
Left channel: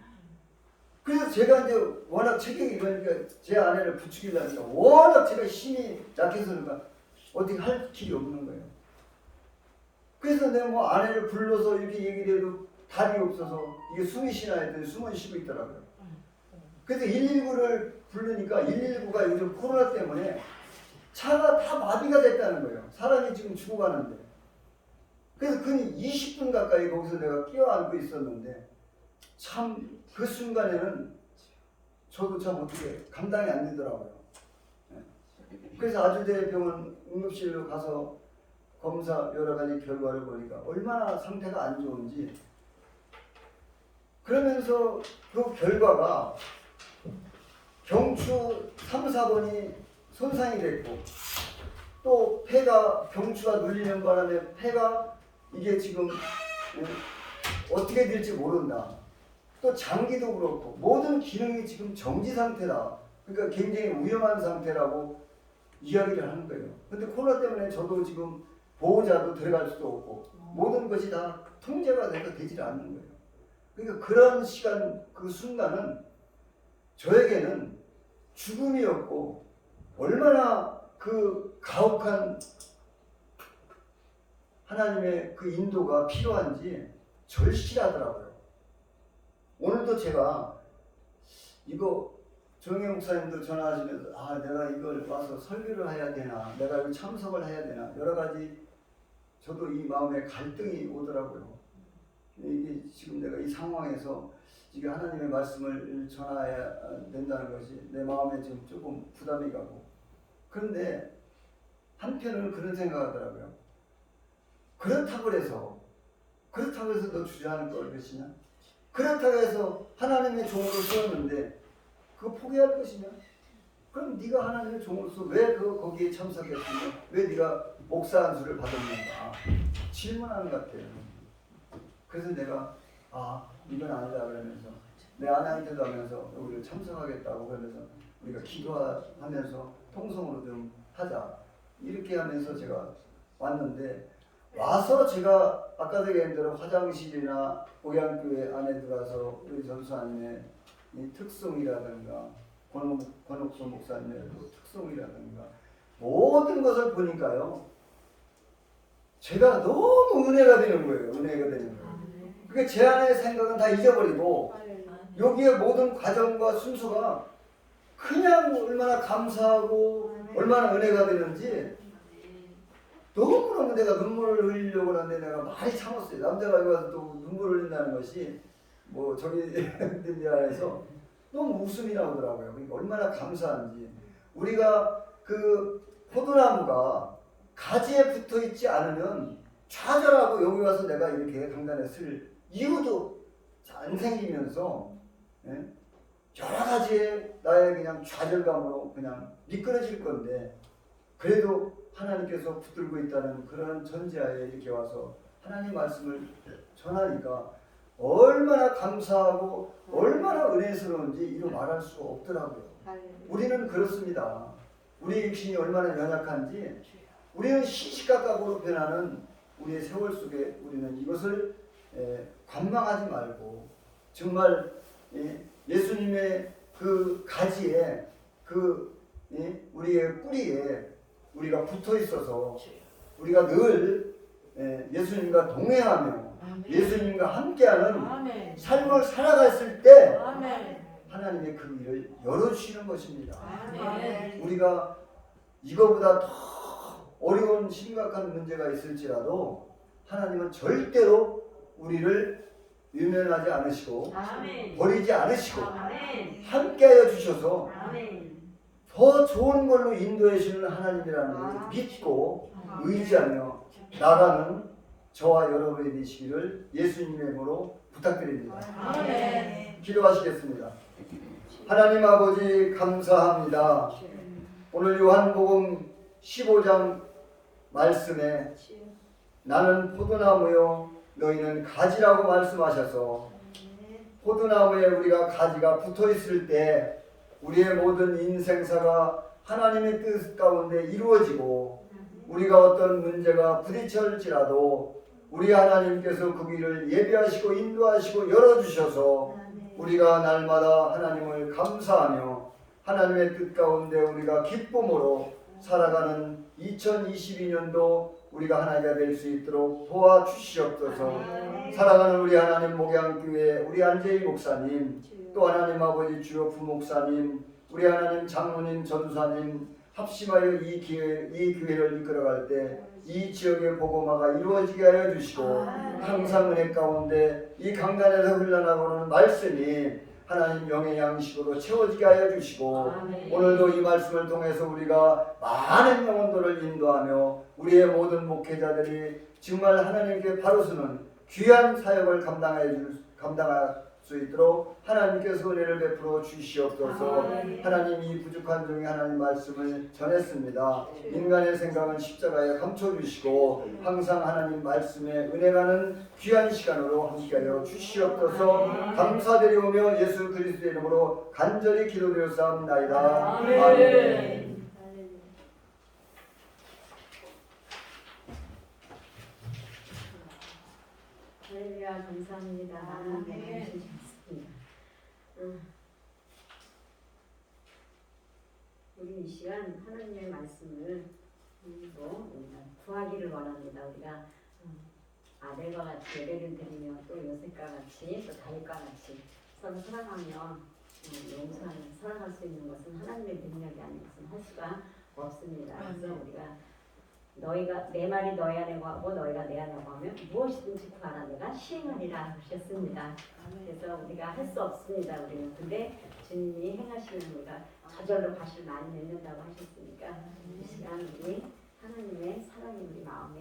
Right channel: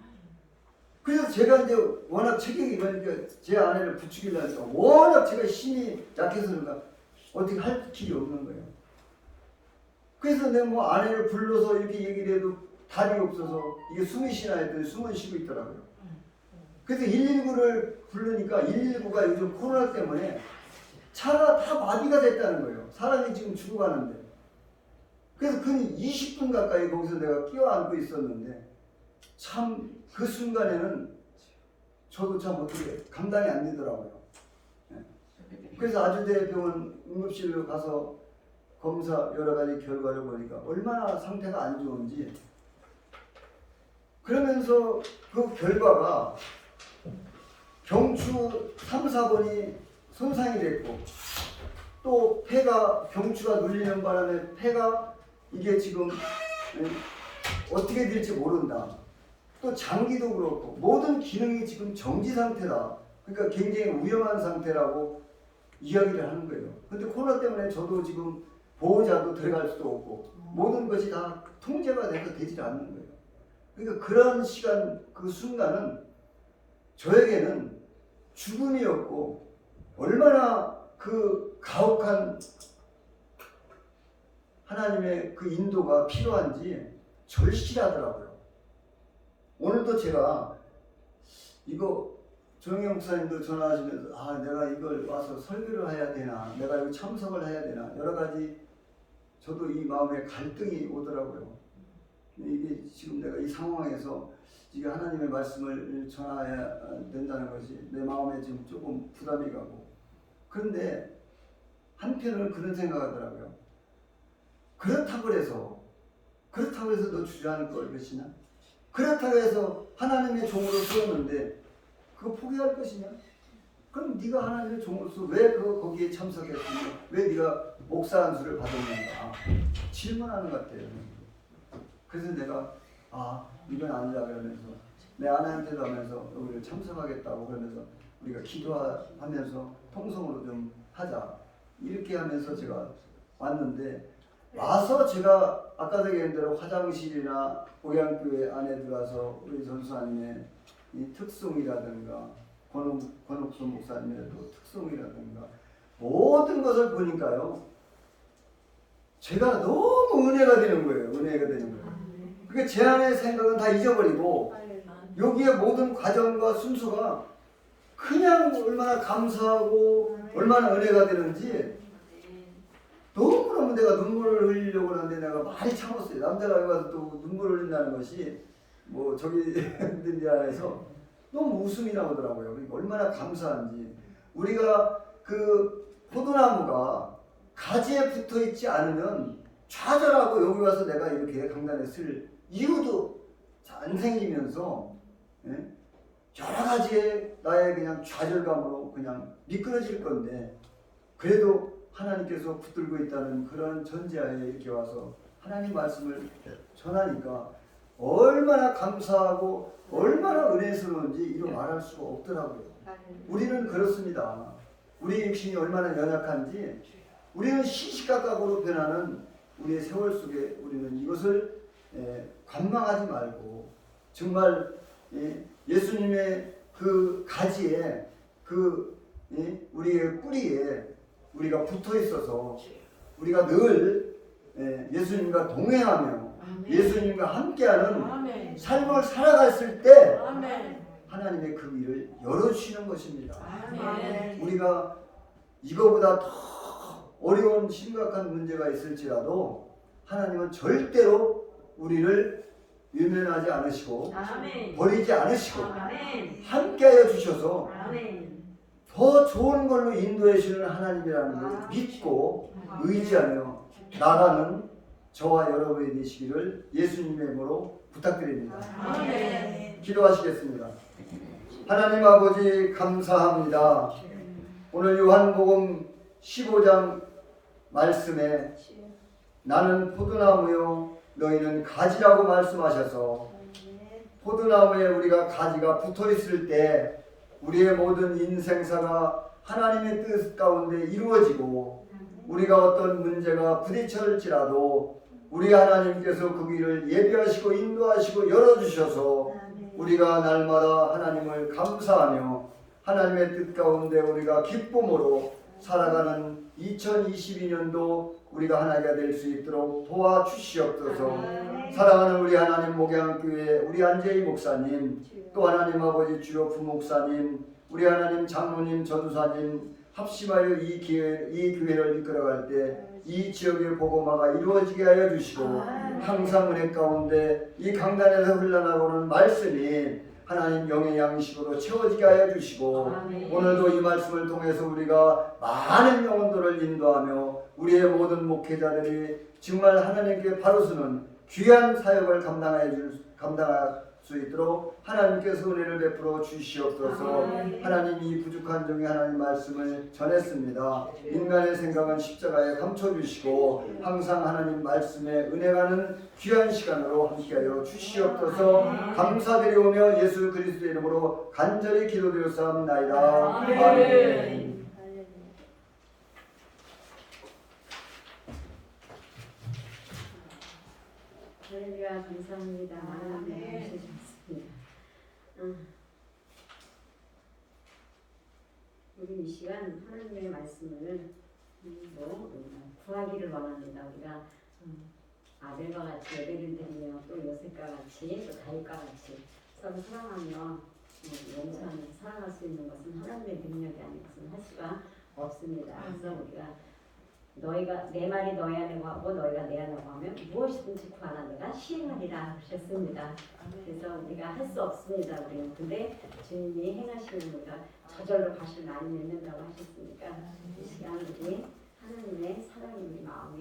그래서 제가 이제 워낙 체격이 이러니까 제 아내를 부추기려니까 워낙 제가 힘이 약해서 그런가 어떻게 할 길이 없는 거예요. 그래서 내가 뭐 아내를 불러서 이렇게 얘기를 해도 답이 없어서 이게 숨이 쉬나 했더니 숨은 쉬고 있더라고요. 그래서 119를 부르니까 119가 요즘 코로나 때문에 차가 다 마비가 됐다는 거예요. 사람이 지금 죽어가는데. 그래서 근 20분 가까이 거기서 내가 끼어앉고 있었는데 참 그 순간에는 저도 참 어떻게 감당이 안 되더라고요. 그래서 아주대병원 응급실로 가서 검사 여러 가지 결과를 보니까 얼마나 상태가 안 좋은지 그러면서 그 결과가 경추 3, 4번이 손상이 됐고 또 폐가 경추가 눌리는 바람에 폐가 이게 지금 어떻게 될지 모른다. 또 장기도 그렇고 모든 기능이 지금 정지 상태다. 그러니까 굉장히 위험한 상태라고 이야기를 하는 거예요. 근데 코로나 때문에 저도 지금 보호자도 들어갈 수도 없고 모든 것이 다 통제가 돼서 되질 않는 거예요. 그러니까 그런 시간 그 순간은 저에게는 죽음이었고 얼마나 그 가혹한 하나님의 그 인도가 필요한지 절실하더라고요. 오늘도 제가 이거 조영영 목사님도 전화하시면서 내가 이걸 와서 설교를 해야 되나 내가 이거 참석을 해야 되나 여러 가지 저도 이 마음에 갈등이 오더라고요. 이게 지금 내가 이 상황에서 이게 하나님의 말씀을 전해야 된다는 것이 내 마음에 지금 조금 부담이 가고 그런데 한편으로는 그런 생각하더라고요. 그렇다고 해서 너 주저앉을 것이냐? 그렇다고 해서 하나님의 종으로 쓰었는데 그거 포기할 것이냐? 그럼 네가 하나님의 종으로서 왜 거기에 참석했으며 왜 네가 목사 안수를 받았는가 질문하는 것 같아요. 그래서 내가 이건 아니다 그러면서 내 아내한테도 하면서 여기를 참석하겠다고 그러면서 우리가 기도하면서 통성으로 좀 하자 이렇게 하면서 제가 왔는데 와서 제가 아까도 얘기한 대로 화장실이나 고향교회 안에 들어와서 우리 전수아님의 이 특성이라든가 권옥수 목사님의 또 특성이라든가 모든 것을 보니까요 제가 너무 은혜가 되는 거예요. 그러니까 제 안의 생각은 다 잊어버리고 여기에 모든 과정과 순수가 그냥 얼마나 감사하고 얼마나 은혜가 되는지 너무너무 내가 눈물을 흘리려고 하는데 내가 많이 참았어요. 남자가 여기 와서 또 눈물을 흘린다는 것이 뭐 저기 데 안에서 너무 웃음이 나오더라고요. 그러니까 얼마나 감사한지 우리가 그 포도나무가 가지에 붙어 있지 않으면 좌절하고 여기 와서 내가 이렇게 강단에 쓸 이유도 안 생기면서 여러 가지의 나의 그냥 좌절감으로 그냥 미끄러질 건데 그래도 하나님께서 붙들고 있다는 그런 전제하에 이렇게 와서 하나님 말씀을 전하니까 얼마나 감사하고 얼마나 은혜스러운지 이루 말할 수가 없더라고요. 우리는 그렇습니다. 우리 육신이 얼마나 연약한지 우리는 시시각각으로 변하는 우리의 세월 속에 우리는 이것을 관망하지 말고 정말 예수님의 그 가지에 그 우리의 뿌리에 우리가 붙어 있어서 우리가 늘 예수님과 동행하며 예수님과 함께하는 삶을 살아갔을 때 하나님의 그 길을 열어주시는 것입니다. 우리가 이거보다 더 어려운 심각한 문제가 있을지라도 하나님은 절대로 우리를 유면하지 않으시고 아멘. 버리지 않으시고 아멘. 함께하여 주셔서 아멘. 더 좋은 걸로 인도해 주는 하나님이라는 걸 믿고 의지하며 나가는 저와 여러분이 되시기를 예수님의 이름으로 부탁드립니다. 아멘. 기도하시겠습니다. 하나님 아버지 감사합니다. 오늘 요한복음 15장 말씀에 나는 포도나무요 너희는 가지라고 말씀하셔서 포도나무에 우리가 가지가 붙어 있을 때 우리의 모든 인생사가 하나님의 뜻 가운데 이루어지고 우리가 어떤 문제가 부딪힐지라도 우리 하나님께서 그 길을 예비하시고 인도하시고 열어주셔서 우리가 날마다 하나님을 감사하며 하나님의 뜻 가운데 우리가 기쁨으로 살아가는 2022년도 우리가 하나가 될 수 있도록 도와주시옵소서. 사랑하는 우리 하나님 목양교회 우리 안재희 목사님, 또 하나님 아버지 주요 부목사님, 우리 하나님 장로님 전도사님 합심하여 이 교회를 이끌어갈 때 이 지역의 복음화가 이루어지게 하여 주시고 항상 은혜 가운데 이 강단에서 흘러나오는 말씀이 하나님 영의 양식으로 채워지게 하여 주시고 오늘도 이 말씀을 통해서 우리가 많은 영혼들을 인도하며 우리의 모든 목회자들이 정말 하나님께 바로 서는 귀한 사역을 감당할 수 있도록 하나님께서 은혜를 베풀어 주시옵소서. 하나님 이 부족한 종의 하나님 말씀을 전했습니다. 인간의 생각은 십자가에 감춰주시고 항상 하나님 말씀에 은혜가는 귀한 시간으로 함께하여 주시옵소서. 감사드리오며 예수 그리스도의 이름으로 간절히 기도드렸사옵나이다. 아멘. 할렐루야 감사합니다. 많은 은혜 주셨습니다. 우리 이 시간 하나님의 말씀을 구하기를 원합니다. 우리가 아벨과 같이 예배를 드리며 또 요셉과 같이 또 다윗과 같이 서로 사랑하며 용서하며 사랑할 수 있는 것은 하나님의 능력이 아니고서는 할 수가 없습니다. 그래서 우리가 너희가 내 말이 너희 안에 거하고 너희가 내 안에 거하면 무엇이든지 구하라 내가 시행하리라 하셨습니다. 그래서 우리가 할 수 없습니다. 우리는 근데 주님이 행하시는 우리가 저절로 밭을 많이 맺는다고 하셨으니까 이 시간 우리 하나님의 사랑이 우리 마음에